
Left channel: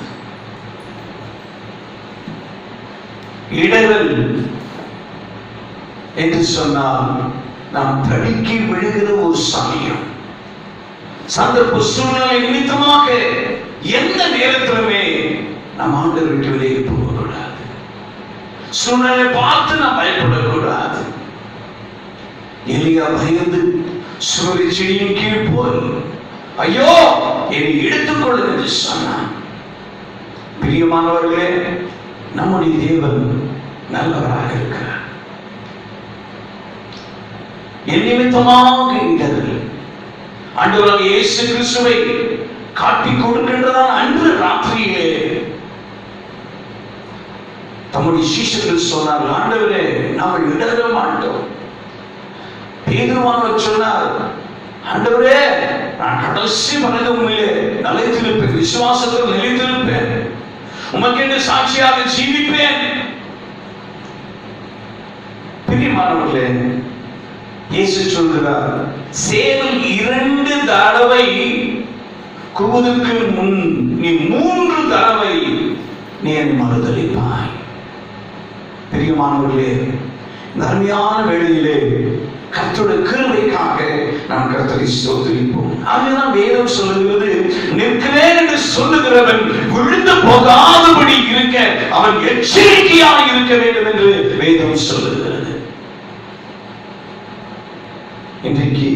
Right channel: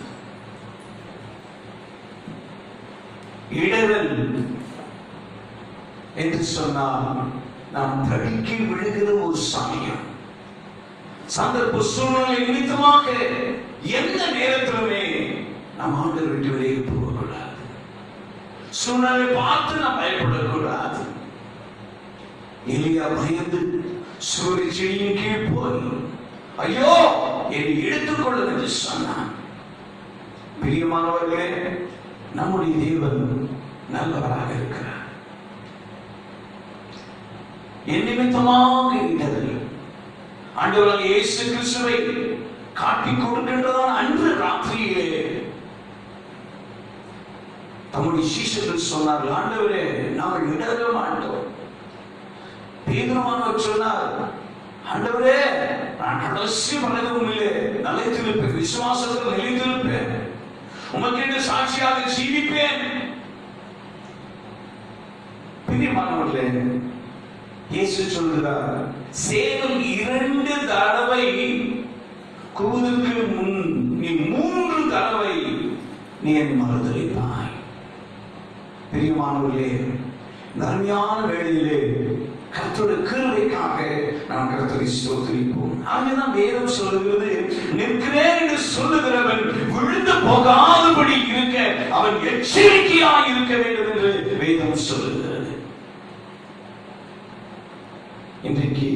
இடர்கள் என்று சொன்னால் நாம் தடுக்கி விழுகிற ஒரு சமயம், சந்தர்ப்ப சூழ்நிலை நிமித்தமாக எந்த நேரத்திலுமே நாம் ஆண்டவரை விட்டு விலகி போகக்கூடாது. சூழ்நிலை பார்த்து நாம் பயப்படக்கூடாது. எலியா பயந்து சூரிய செடியின் கீழ் போய் ஐயோ என்னை எடுத்துக்கொள்ளும் என்று சொன்னான். பிரியமானவர்களே, நம்முடைய தேவன் நல்லவராக இருக்கிறார். என் நிமித்தமாக இடர்கள் ஆண்டவராகிய இயேசு கிறிஸ்துவை காட்டிக் கொடுக்கின்றதால் அன்று ராத்திரியிலே தம்முடைய சீஷர்கள் சொன்னார்கள், ஆண்டவரே நாங்கள் இடர மாட்டோம், பேதுருவானவர் சொன்னார், ஆண்டவரே, நான் கடைசி வரைக்கும் உண்மையிலே நிலைத்திருப்பேன், விசுவாசத்தில் நிலைத்திருப்பேன், உமக்கென்று சாட்சியாக ஜீவிப்பேன். பிரியமானவர்களே, இயேசு சொல்கிறார், சேவல் 2 தடவை கூவுவதற்கு முன் நீ 3 தடவை நீ என்னை மறுதலிப்பாய். பிரியமானவர்களே, இந்த அருமையான வேளையிலே கர்த்தருடைய கிருபைக்காக நாம் கர்த்தரை ஸ்தோத்திரிப்போம். ஆகவேதான் வேதம் சொல்லுகிறது, நிற்கிறேன் என்று சொல்லுகிறவன் விழுந்து போகாதபடி இருக்க அவன் எச்சரிக்கையாக இருக்க வேண்டும் என்று வேதம் சொல்லுகிறது. இன்றைக்கு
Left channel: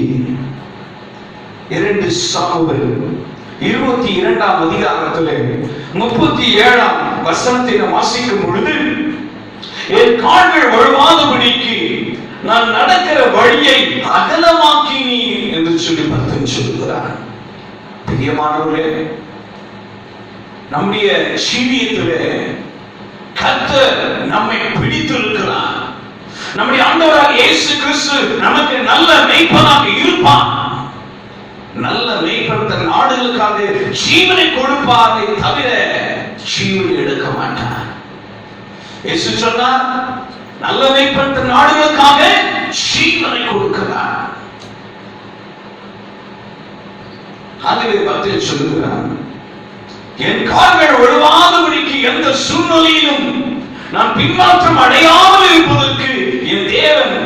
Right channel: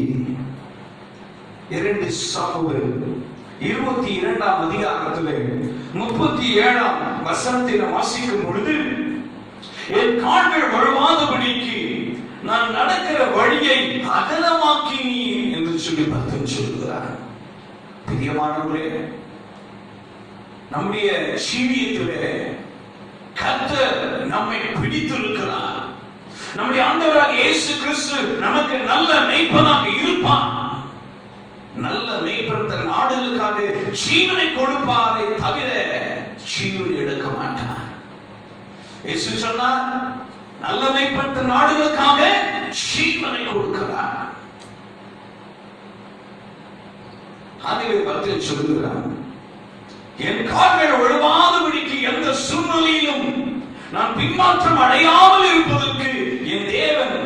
2 சாமுவேல் 22ஆம் அதிகாரத்திலே 37ஆம் வசனத்தை வாசிக்கும் பொழுது, என் கால்கள் வழுவாதபடிக்கு நான் நடக்கிற வழியை அகலமாக்கினீ என்று சொல்லி பக்தன் சொல்கிறார். பிரியமானவர்களே, நம்முடைய ஜீவியத்திலே கர்த்தர் நம்மை பிடித்திருக்கிறார். நம்முடைய ஆண்டவராகிய இயேசு கிறிஸ்து நமக்கு நல்ல மேய்ப்பனாக இருப்பான். நல்ல மேய்ப்பன் தன் ஆடுகளுக்காக ஜீவனை கொடுப்பாரை தவிர ஜீவனை எடுக்க மாட்டார். இயேசு சொன்னார், நல்ல மேய்ப்பன் தன் ஆடுகளுக்காக ஜீவனை கொடுக்கிறார். ஆகவே பக்தன் சொல்லுகிறார், என் கால்கள் விழுவாதபடிக்கு எந்த சூழ்நிலையிலும் நான் பின்மாற்றம் அடையாமல் இருப்பதற்கு என் தேவன்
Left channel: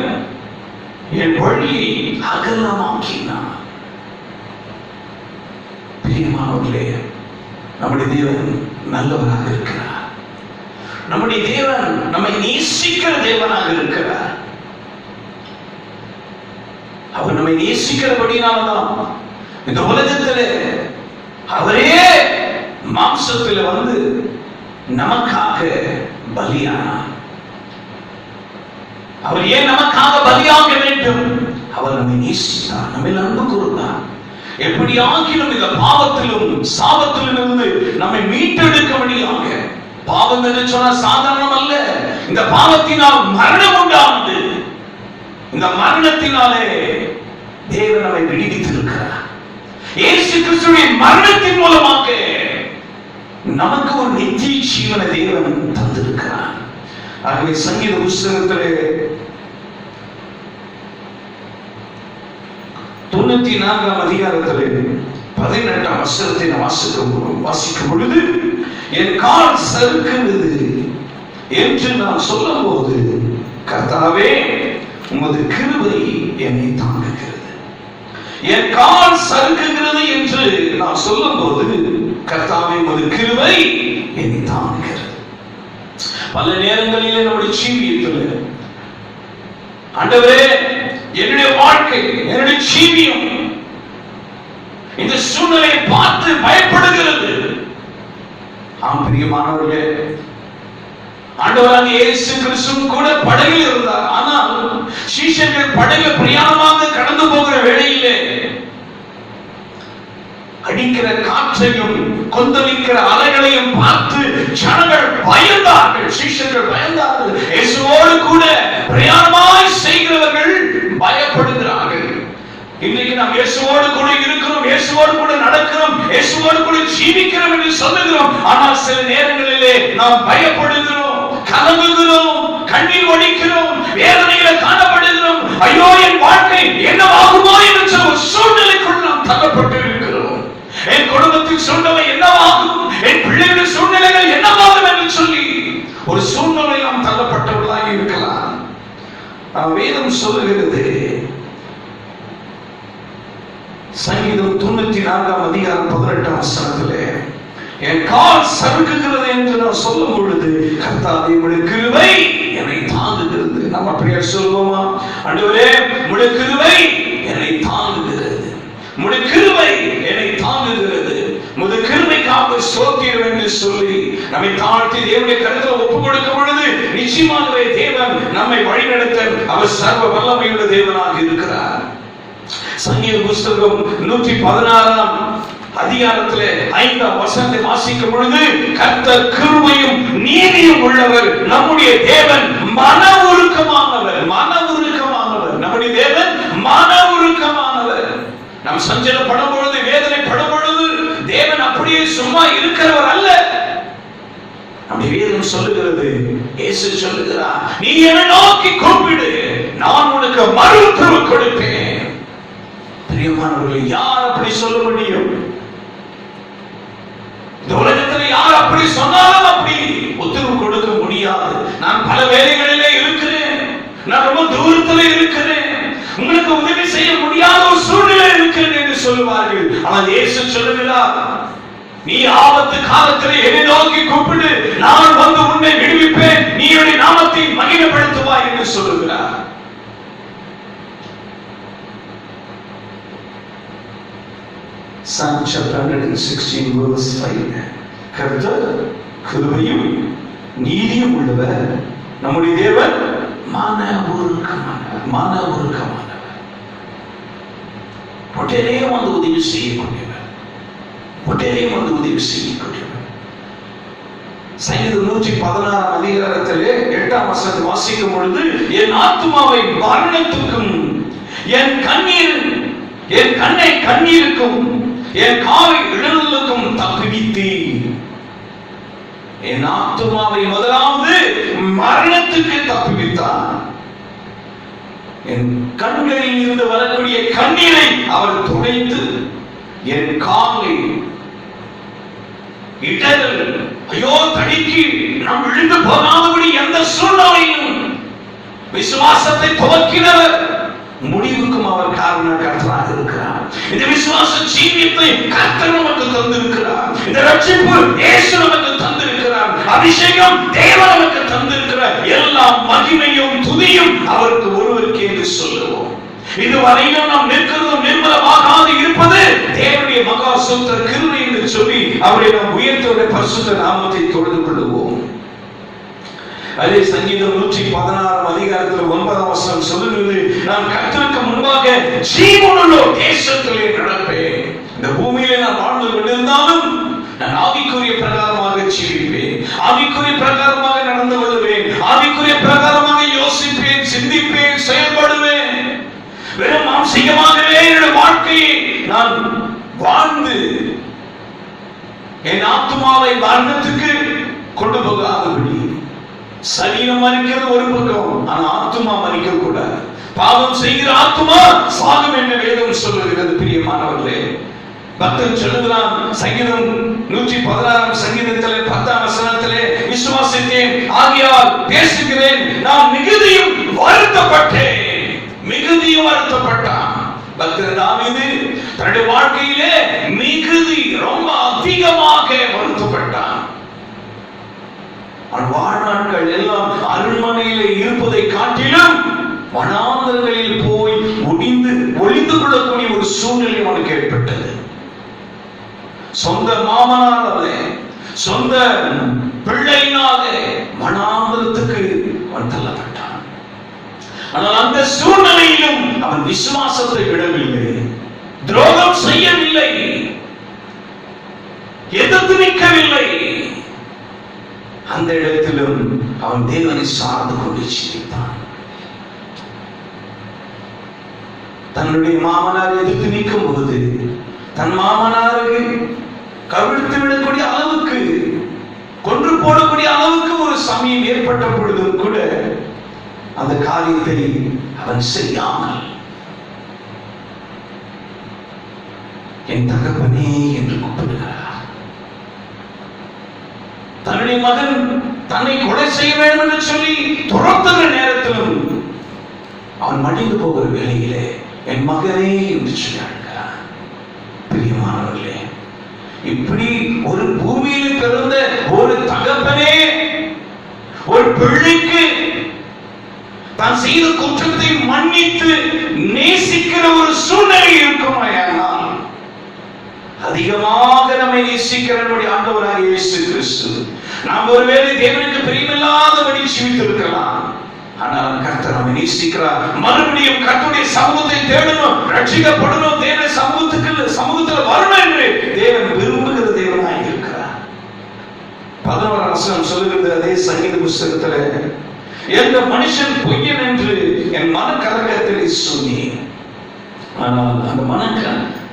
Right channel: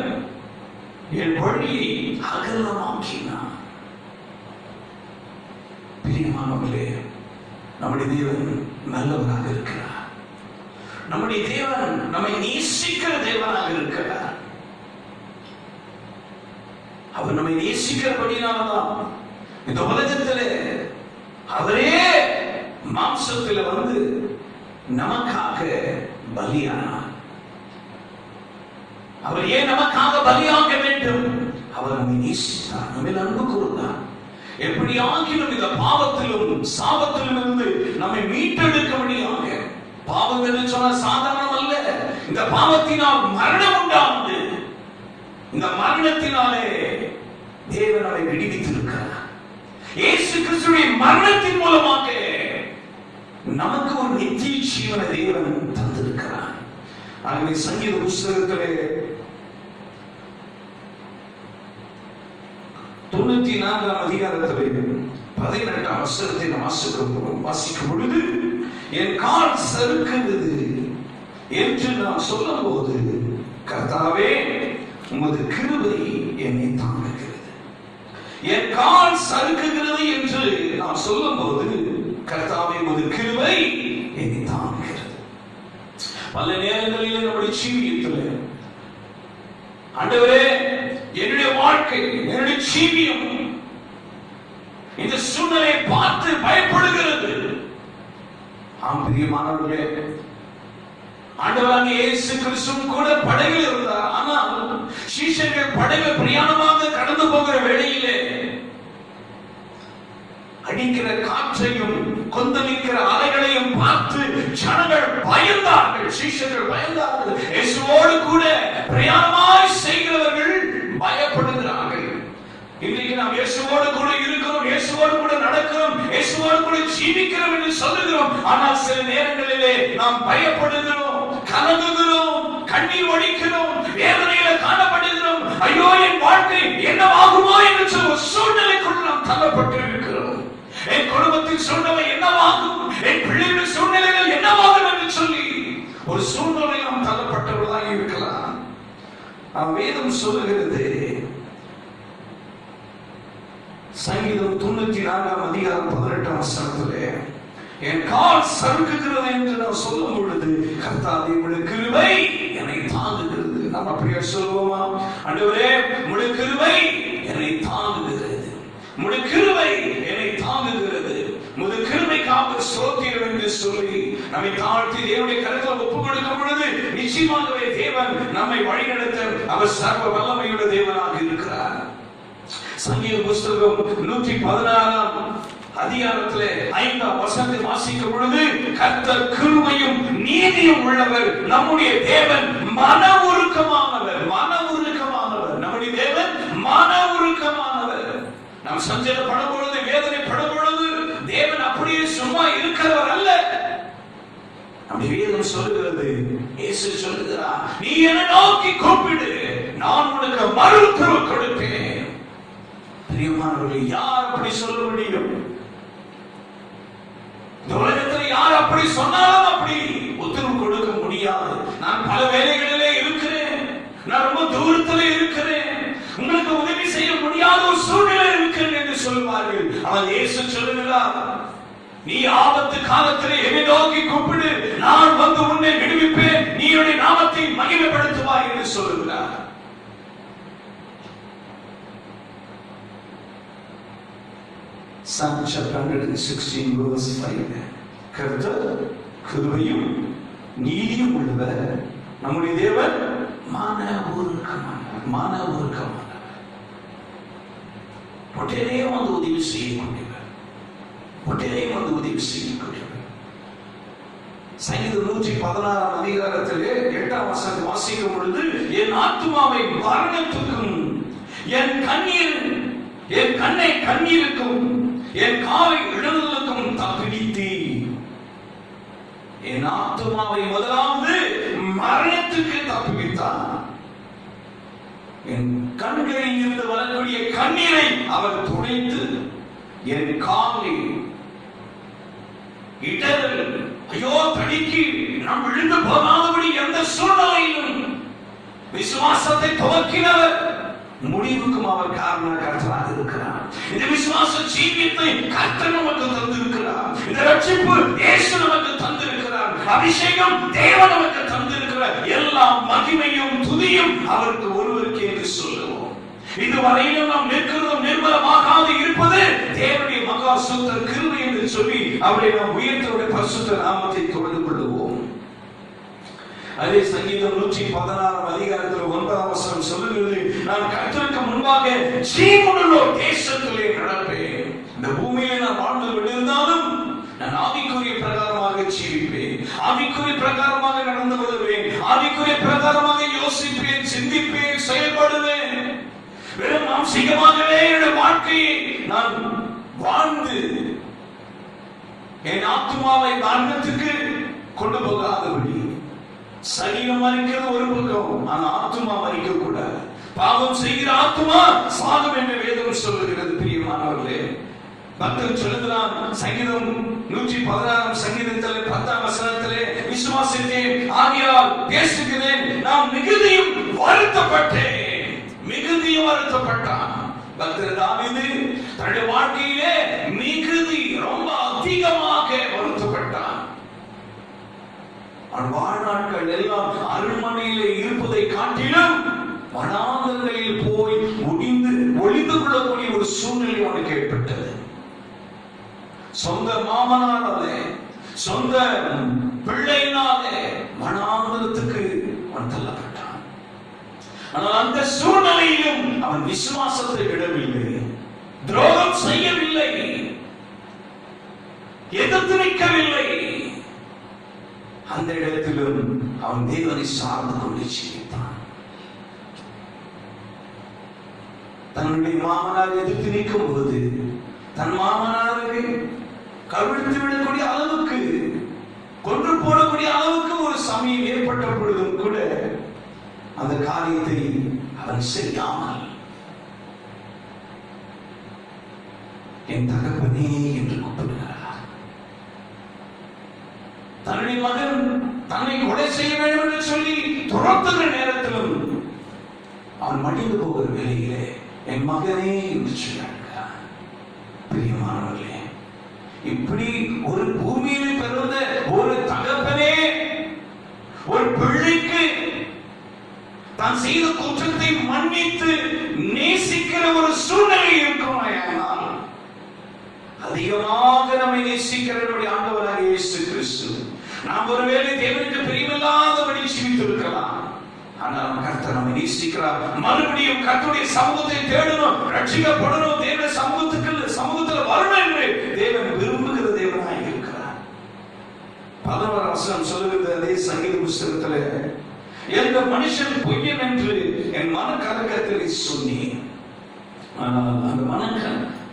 என் வழியை அகலமாக்கினார். பிரியமானவர்களே, நம்முடைய தேவன் நல்லவராக இருக்கிறார். நம்முடைய தேவன் நம்மை நேசிக்கிற தேவனாக இருக்கிறார். அவர் நம்மை நேசிக்கிறபடினால்தான் இந்த உலகத்திலே அவரே மாம்சத்தில் வந்து நமக்காக பலியானார். அவர் ஏன் நமக்காக பலியாக வேண்டும்? அவர் நம்மை நேசித்தார், நம்மை அன்பு கூர்ந்தார். எப்படி ஆகிலும் இந்த பாவத்திலும் சாபத்திலும் இருந்து நம்மை மீட்டெடுக்க முடியாங்க. பாவம் என்று சொன்னால் சாதாரணம் அல்ல. இந்த பாவத்தினால் மரணம் உண்டானது. இந்த மரணத்தினாலே தேவன் நம்மை விடுவித்திருக்கிறார். இயேசு கிறிஸ்துவின் மரணத்தின் மூலமாக நமக்கு ஒரு நித்திய ஜீவனை தேவன் தந்திருக்கிறார். ஆகவே சங்கீத புஸ்தகத்திலே 94ஆம் அதிகாரத்திலே 18ஆம் வசனத்தை வாசிக்கும் பொழுது, என் கால் சறுக்குகிறது என்று நான் சொல்லும் போது, கர்த்தாவே உமது கிருபை என்னை தாங்குகிறது. என் கால் சறுக்குகிறது என்று நான் சொல்லும் போது, கர்த்தாவே உமது கிருபை என்னை தாங்குகிறது. பல நேரங்களிலே நம்முடைய ஜீவியத்தில், ஆண்டவரே என்னுடைய வாழ்க்கை, என்னுடைய ஜீவியம் இந்த சூழ்நிலையை பார்த்து பயப்படுகிறது. ஆம் பிரியமானவர்களே, ஆண்டவராகிய இயேசு கிறிஸ்து கூட படகில் இருந்தார். ஆனால் சீஷர்கள் படகில் பிரயாணமாக கடந்து போகிற வேளையிலே அடிக்கிற காற்றையும் கொந்தளிக்கிற அலைகளையும் பார்த்து ஜனங்கள் பயந்தார்கள், சீஷர்கள் பயந்தார்கள். இயேசுவோடு கூட பிரயாணமாய் செய்கிறவர்கள் பயப்படுகிறார்கள். இன்றைக்கு நாம் இயேசுவோடு கூட இருக்கிறோம், இயேசுவோடு கூட நடக்கிறோம், இயேசுவோடு கூட ஜீவிக்கிறோம் என்று சொல்லுகிறோம். ஆனால் சில நேரங்களிலே நாம் பயப்படுகிறோம், கலங்குகிறோம், கண்ணீர் வடிக்கிறோம், வேதனைகளை காணப்படுகிறோம். ஐயோ, என் வாழ்க்கை என்னவாகுமோ என்ற ஒரு சூழ்நிலைக்குள் நாம் தள்ளப்பட்டு இருக்கிறோம். என் குடும்பத்தின் சூழ்நிலை என்னவாகும், என் பிள்ளைகளின் சூழ்நிலைகள் என்னவாகும் என்று சொல்லி ஒரு சூழ்நிலை நாம் தள்ளப்பட்டவர்களாக இருக்கலாம். வேதம் சொல்லுகிறது, சங்கீதம் 94ஆம் அதிகாரம் 18ஆம் வசனத்திலே, என் கால் சறுக்குகிறது என்று நான் சொல்லும் பொழுது, கர்த்தாவே உம்முடைய கிருபை என்னை தாங்குகிறது. நம்ம அப்படியே சொல்லுவோமா? ஆண்டவரே உம்முடைய கிருபை என்னை தாங்குகிறது, உம்முடைய கிருபை என்னை தாங்குகிறது, உம்முடைய கிருபைக்காக ஸ்தோத்திரம் என்று சொல்லி நம்மை தாழ்த்தி தேவனுடைய கருத்தில் ஒப்புக் கொடுக்கும் பொழுது நிச்சயமாகவே தேவன் நம்மை வழிநடத்த அவர் சர்வ வல்லமையுள்ள தேவனாக இருக்கிறார். சங்கீத புஸ்தகம் 116ஆம் அதிகாரத்திலே 5ஆம் வசனத்தை வாசிக்கும் பொழுது, கர்த்தர் கிருபையும் நீதியும் உள்ளவர், நம்முடைய தேவன் மன உருக்கமானவர். மன உருக்கமானவர், நம்முடைய தேவன் வேதம் சொல்லுகிறது, இயேசு சொல்லுகிறார், நீ என்னை நோக்கி கூப்பிடு, நான் உனக்கு மறு உத்தரவு கொடுப்பேன். பிரியமானவர்களே, யார் அப்படி சொல்ல முடியும்? இந்த உலகத்தில் யார் அப்படி சொன்னாலும் அப்படி உத்தரவு கொடுக்க முடியாது. நான் பல வேலைகளிலே இருக்கிறேன், நான் ரொம்ப தூரத்தில் இருக்கிறேன், உங்களுக்கு உதவி செய்ய முடியாத ஒரு சூழ்நிலை இருக்கிறேன் என்று சொல்லுவார்கள். ஆனால் இயேசு சொல்லுகிறார், நீ ஆபத்து காலத்தில் என்னை நோக்கி கூப்பிடு, நான் வந்து உன்னை விடுவிப்பேன், நீ என்னுடைய நாமத்தை மகிமைப்படுத்துவாய் என்று சொல்லுகிறார். Psalm chapter 116 verse 5. கர்த்தர் கிருபையும் நீதியும் உள்ளவர், நம்முடைய தேவன் மனவுருக்கமானவர், உடனே வந்து உதவி செய்யக்கூடியவர், உடனே வந்து உதவி செய்யக்கூடியவர். சங்கீதம் 116 அதிகாரத்திலே 8ஆம் வசனத்தை வாசிக்கும் பொழுது, என் ஆத்துமாவை மரணத்துக்கும் என் கண்ணை கண்ணீருக்கும் என் காலை இழலுக்கும் தப்புவித்தீர். என் ஆத்துமாவை முதலாவது மரணத்துக்கு தப்புவித்தார். என் கண்களில் இருந்து வரக்கூடிய கண்ணீரை அவர் துடைத்து, என் காலை இடரல் ஐயோ தடிக்கு நாம் விழுந்து போகாதபடி எந்த சூழ்நிலையிலும் விசுவாசத்தை துவக்கினவர், முடிவுக்கும் அவர் காரணகர்த்தராக இருக்கிறார். இந்த விசுவாச ஜீவியத்தை கர்த்தர் நமக்கு தந்திருக்கிறார். இந்த ரட்சிப்பு இயேசு நமக்கு தந்திருக்கிறார். அபிஷேகம் தேவன் நமக்கு தந்திருக்கிறார். எல்லா மகிமையும் துதியும் அவருக்கு ஒருவருக்கே என்று சொல்லுவோம். இதுவரையிலும் நாம் நிற்கிறதும் நிர்மலமாகாது இருப்பது தேவனுடைய மகா சுத்த கிருபை என்று சொல்லி அவரை நாம் உயர்த்தவுடைய பரிசுத்த நாமத்தை தொழுது கொள்ளுவோம். அதே சங்கீதம் 116 அதிகாரத்தில் 9ஆம் வசனம் சொல்லுகிறது, நான் கர்த்தருக்கு முன்பாக ஜீவனுள்ள தேசத்திலே நடப்பேன். இந்த பூமியிலே நான் வாழ்ந்து கொண்டிருந்தாலும் நான் ஆவிக்குரிய பிரகாரமாக ஜீவிப்பேன், ஆவிக்குரிய பிரகாரமாக நடந்து கொள்வேன், ஆவிக்குரிய பிரகாரமாக யோசிப்பேன், சிந்திப்பேன், செயல்படுவேன். வெறும் மாம்சீகமாகவே என்னுடைய வாழ்க்கையை நான் வாழ்ந்து என் ஆத்துமாவை மரணத்துக்கு கொண்டு போகாதபடி, சரீரம் மரிக்கிறது ஒரு பக்கம், ஆனா ஆத்துமா மரிக்க கூடாது. பாவம் செய்கிற ஆத்துமா சாகும் என்ற வேதம் சொல்லுகிறது. பிரியமானவர்களே, பக்தன் சொல்லுகிறான், சங்கீதம் 116 சங்கீதத்திலே 10ஆம் வசனத்திலே, விசுவாசித்தேன் ஆகையால் பேசுகிறேன், நான் மிகுதியும் வருத்தப்பட்டேன். மிகுதியும் வருத்தப்பட்டான் பக்தன் தாவீது. தன்னுடைய வாழ்க்கையிலே மிகுதி ரொம்ப அதிகமாக வருத்தப்பட்டான். வாழ்நாட்கள் எல்லாம் அரண்மனையிலே இருப்பதை காட்டிலும் வனாந்தரங்களில் போய் ஒளிந்து கொள்ளக்கூடிய ஒரு சூழ்நிலை அவனுக்கு ஏற்பட்டது. சொந்த மாமனாரே, சொந்த பிள்ளையினால வனாந்தரத்துக்கு அவன் தள்ளப்பட்டான். ஆனால் அந்த சூழ்நிலையிலும் அவன் விசுவாசத்தை விடவில்லை, துரோகம் செய்யவில்லை, எதிர்த்து நிற்கவில்லை. அந்த இடத்திலும் அவன் தேவனை சார்ந்து கொண்டு ஜீவித்தான். தன்னுடைய மாமனார் எதிர்த்து நிற்கும் போது தன் மாமனாருக்கு கவிழ்த்து விடக்கூடிய அளவுக்கு, கொன்று போடக்கூடிய அளவுக்கு ஒரு சமயம் ஏற்பட்ட பொழுதும் கூட அந்த காரியத்தை அவன் செய்யாமல், என் தகப்பனே என்று கூப்பிடுகிறார். தன்னுடைய மகன் தன்னை கொலை செய்ய வேண்டும் என்று சொல்லி துரத்துகிற நேரத்திலும் அவன் மடிந்து போகிற வேளையிலே என் மகனே என்று சொல்கிறார். பிரியமானவர்களே, இப்படி ஒரு பூமியில் பிறந்த ஒரு தகப்பனே ஒரு பிள்ளைக்கு தான் செய்த குற்றத்தை மன்னித்து நேசிக்கிற ஒரு சூழ்நிலை இருக்குமாயானால், அதிகமாக நம்மை நேசிக்கிற நம்முடைய ஆண்டவராகிய இயேசு கிறிஸ்து, நாம் ஒருவேளை தேவனுக்கு பிரியமில்லாதபடி ஜீவித்திருக்கலாம், ஆனால் கர்த்தர் நம்மை நேசிக்கிறார். மறுபடியும் கர்த்தருடைய சமூகத்தை தேடணும், ரட்சிக்கப்படணும், தேவனுடைய சமூகத்தில் வரணும் என்று தேவன் விரும்புகிற தேவனாய் இருக்கிறார். 11ஆம் வசனம் சொல்லுகிறது அதே சங்கீத புஸ்தகத்தில், எந்த மனுஷன் பொய்யன் என்று என் மனக்கலக்கத்திலே சொன்னேன். ஆனால் அந்த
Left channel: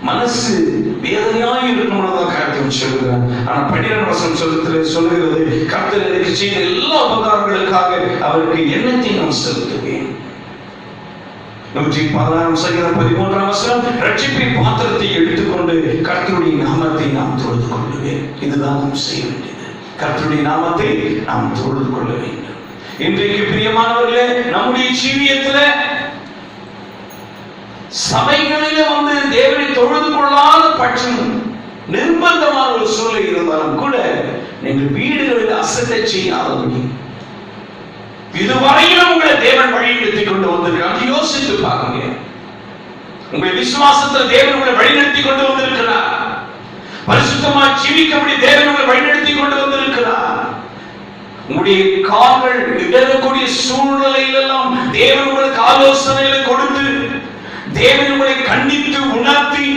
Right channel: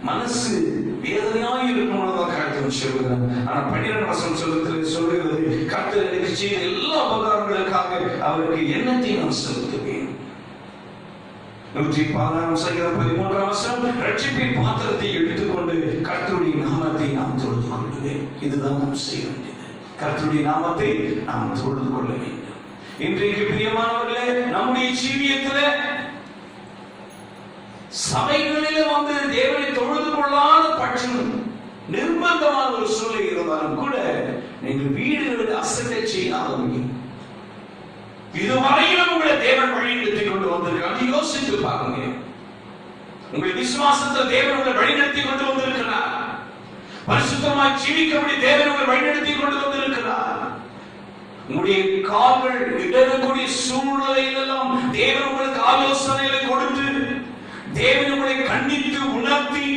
மனசு வேதனையாய் இருக்கணும்னு கர்த்தர் சொல்கிறார். சொல்லுகிறார். ஆனா 12 வசனம் சொல்லுகிறது, கர்த்தர் எனக்கு செய்த எல்லா உபகாரங்களுக்காக அவருக்கு எண்ணத்தை நான் செலுத்துவேன். 116 சங்கீதம் 13 வசனம், ரட்சிப்பின் பாத்திரத்தை எடுத்துக்கொண்டு கர்த்தருடைய நாமத்தை நாம் தொழுது கொள்ளுவேன். இதுதான் நாம் செய்ய வேண்டியது. கர்த்தருடைய நாமத்தை நாம் தொழுது கொள்ள வேண்டும். இன்றைக்கு பிரியமானவர்களே, நம்முடைய ஜீவியத்தில் சபைகளிலே வந்து தேவனை தொழுது கொள்ளாத பட்சம் நிர்பந்தமான ஒரு சூழ்நிலை இருந்தாலும் கூட நீங்கள் வீடுகளில் அசட்டை செய்யாதபடி இதுவரையிலும் உங்களை தேவன் வழிநடத்தி கொண்டு வந்திருக்கிறார். யோசித்து பாருங்க. உங்கள் விசுவாசத்தில் தேவன் உங்களை வழிநடத்தி கொண்டு வந்திருக்கிறார். பரிசுத்தமாக ஜீவிக்கபடி தேவன் உங்களை வழிநடத்தி கொண்டு வந்திருக்கிறார். உங்களுடைய கால்கள் இடரக்கூடிய சூழ்நிலையிலெல்லாம் தேவன் உங்களுக்கு ஆலோசனைகளை கொடுத்து, தேவன் உங்களை கண்டித்து உணர்த்தி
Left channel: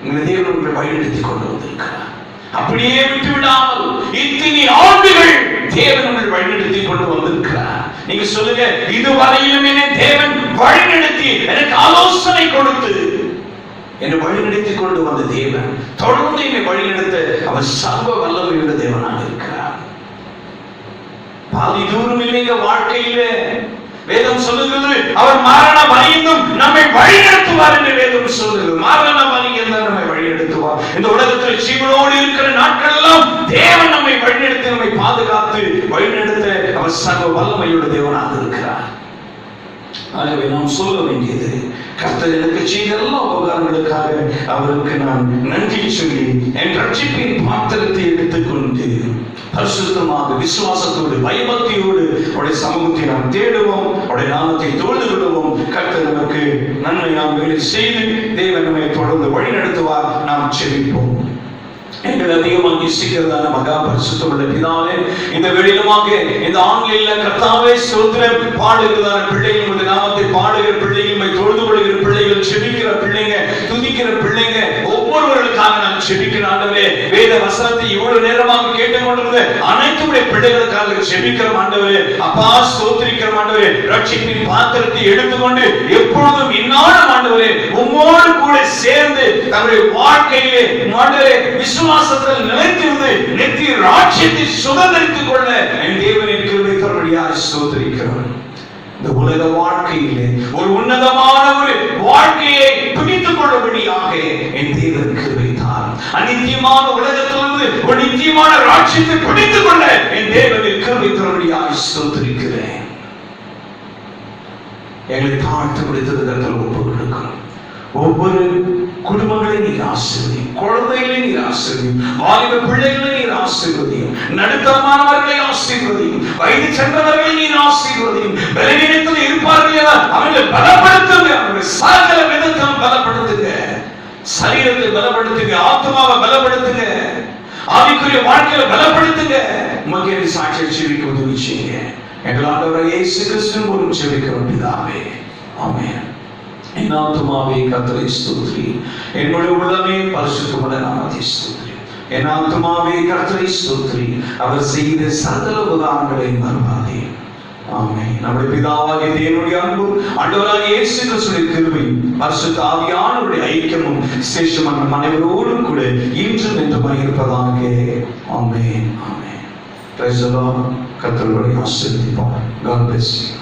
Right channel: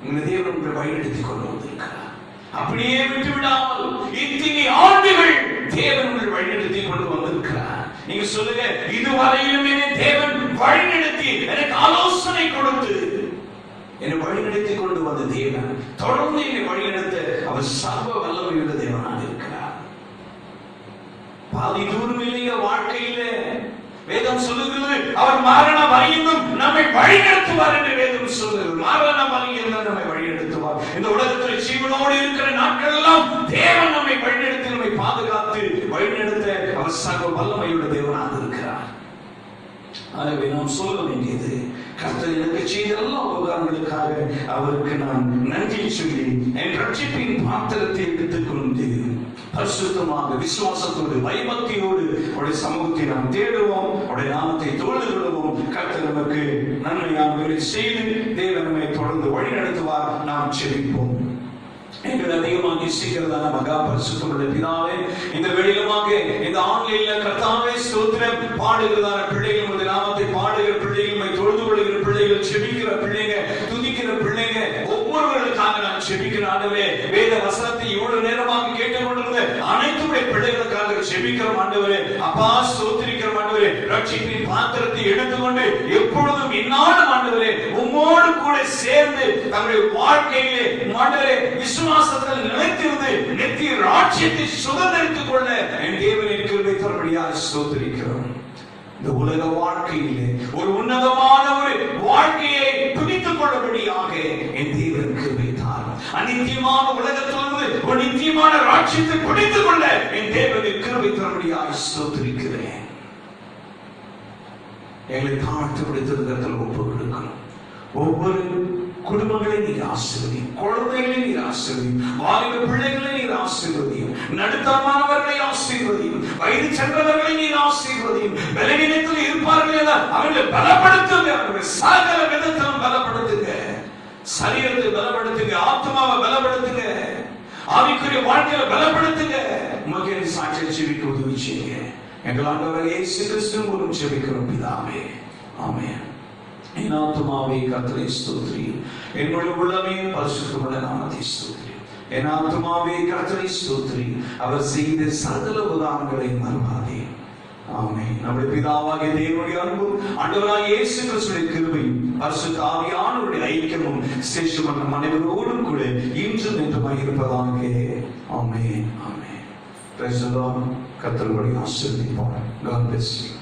உங்களை தேவன் உங்களை வழிநடத்தி கொண்டு வந்திருக்கிறார். அப்படியே விட்டு விடாமல் இத்தனை ஆண்டுகள் தேவன் உங்களை வழிநடத்தி கொண்டு வந்திருக்கிறார். நீங்க சொல்லுங்க, இதுவரையிலும் என்னை தேவன் வழிநடத்தி எனக்கு ஆலோசனை கொடுத்து என்னை வழிநடத்தி கொண்டு வந்த தேவன் தொடர்ந்து என்னை வழிநடத்த அவர் சர்வ வல்லமையுள்ள தேவனாக இருக்கிறார். பாதி தூரம் இல்லைங்க வாழ்க்கையிலே. வேதம் சொல்லுகிறது, அவர் மரண பரியந்தம் நம்மை வழிநடத்துவார் என்று வேதம் சொல்லுகிறது. மரண பரியந்தம் நம்மை வழிநடத்துவார். இந்த உலகத்தில் ஜீவனோடு இருக்கிற நாட்கள் எல்லாம் தேவன் நம்மை வழிநடத்தி நம்மை பாதுகாத்து வழிநடத்த அவர் சர்வ வல்லமையுள்ள தேவனாக இருக்கிறார். ஆகவே நாம் சொல்ல வேண்டியது, கர்த்தர் எனக்கு செய்த எல்லா உபகாரங்களுக்காக அவருக்கு நான் நன்றி சொல்லி என் ரட்சிப்பின் பாத்திரத்தை எடுத்துக்கொண்டு பரிசுத்தமாக விசுவாசத்தோடு பயபக்தியோடு அவருடைய சமூகத்தை நாம் தேடுவோம், அவருடைய நாமத்தை தொழுது கொள்வோம். கர்த்தர் நமக்கு நன்மை நாம் செய்து தேவன் நம்மை தொடர்ந்து வழி நடத்துவார். நாம் செபிப்போம். எங்கள் அதிகமாக நேசிக்கிறதான மகா பரிசுத்தமுள்ள பிதாவே, இந்த வெளியிலுமாக இந்த ஆன்லைன்ல கர்த்தாவே ஸ்தோத்திரம் பாடுகிறதான பிள்ளைகள், உமது நாமத்தை பாடுகிற பிள்ளைகள், தொழுது கொள்கிற பிள்ளைகள், செபிக்கிற பிள்ளைங்க, துதிக்கிற பிள்ளைங்க, ஒவ்வொருவர்களுக்காக நான் செபிக்கிறேன் ஆண்டவரே. வேத வசனத்தை இவ்வளவு நேரமாக கேட்டுக்கொண்டிருந்த அனைத்துடைய பிள்ளைகளுக்காக செபிக்கிறோம் ஆண்டவரே. அப்பா ஸ்தோத்திரிக்கிற ஆண்டவரே, ரட்சிப்பின் பாத்திரத்தை எடுத்துக்கொண்டு எப்பொழுதும் இன்னாலும் ஆண்டவரே உம்மோடு கூட சேர்ந்து தங்களுடைய வாழ்க்கையிலே ஆண்டவரே விசுவாசத்தில் நிலைத்திருந்து நித்திய ராஜ்யத்தை சுதந்திரித்துக் கொள்ள என் தேவனின் கிருபை தரும்படியாக ஸ்தோத்திரிக்கிறோம். இந்த உலக வாழ்க்கையிலே ஒரு உன்னதமான ஒரு வாழ்க்கையை பிடித்துக் கொள்ளபடியாக என் தேவன் கிருபை தார். அநித்தியமான உலகத்திலிருந்து ஒரு நித்தியமான ராஜ்யத்தை பிடித்துக் கொள்ள என் தேவனின் கிருபை தரும்படியாக ஸ்தோத்திரிக்கிறேன். எங்களை தாழ்த்து பிடித்ததுக்கு ஒப்பு கொடுக்கிறோம். ஒவ்வொரு குடும்பங்களை நீர் ஆசீர்வதியும், குழந்தைகளை நீர் ஆசீர்வதியும், வாலிப பிள்ளைகளை நீர் ஆசீர்வதியும், நடுத்தரமானவர்களை ஆசீர்வதியும், வயது சென்றவர்களை நீர் ஆசீர்வதியும். பலவீனத்தில் இருப்பார்கள் அவர்களை பலப்படுத்துங்க, அவர்கள் சகல விதத்திலும் பலப்படுத்துங்க, சரீரத்தை பலப்படுத்துங்க, ஆத்மாவை பலப்படுத்துங்க, ஆவிக்குரிய வாழ்க்கையை பலப்படுத்துங்க. உமக்கு சாட்சியை செவிக்க உதவி செய்யுங்க. எங்கள் ஆண்டவர் இயேசு கிறிஸ்துவின் மூலம் செபிக்கிறோம் பிதாவே, ஆமென். என் ஆத்துமாவே கர்த்தரை ஸ்தோத்திரி, என்னுடைய உள்ளமே பரிசுத்தமுள்ள நாமத்தை ஸ்தோத்திரி. என் ஆத்துமாவே கர்த்தரை ஸ்தோத்திரி, அவர் செய்த சகல உபகாரங்களை மறவாதே. ஆமென். நம்முடைய பிதாவாகிய தேவனுடைய அன்பும் ஆண்டவராகிய இயேசு கிறிஸ்துவின் கிருபையும் பரிசுத்த ஆவியானவருடைய ஐக்கியமும் விசேஷமான அனைவரோடும் கூட இன்றும் என்றும் இருப்பதாக. Amen. Amen. Praise the lord. கர்த்தரை ஆசீர்வதிப்பார். God bless you.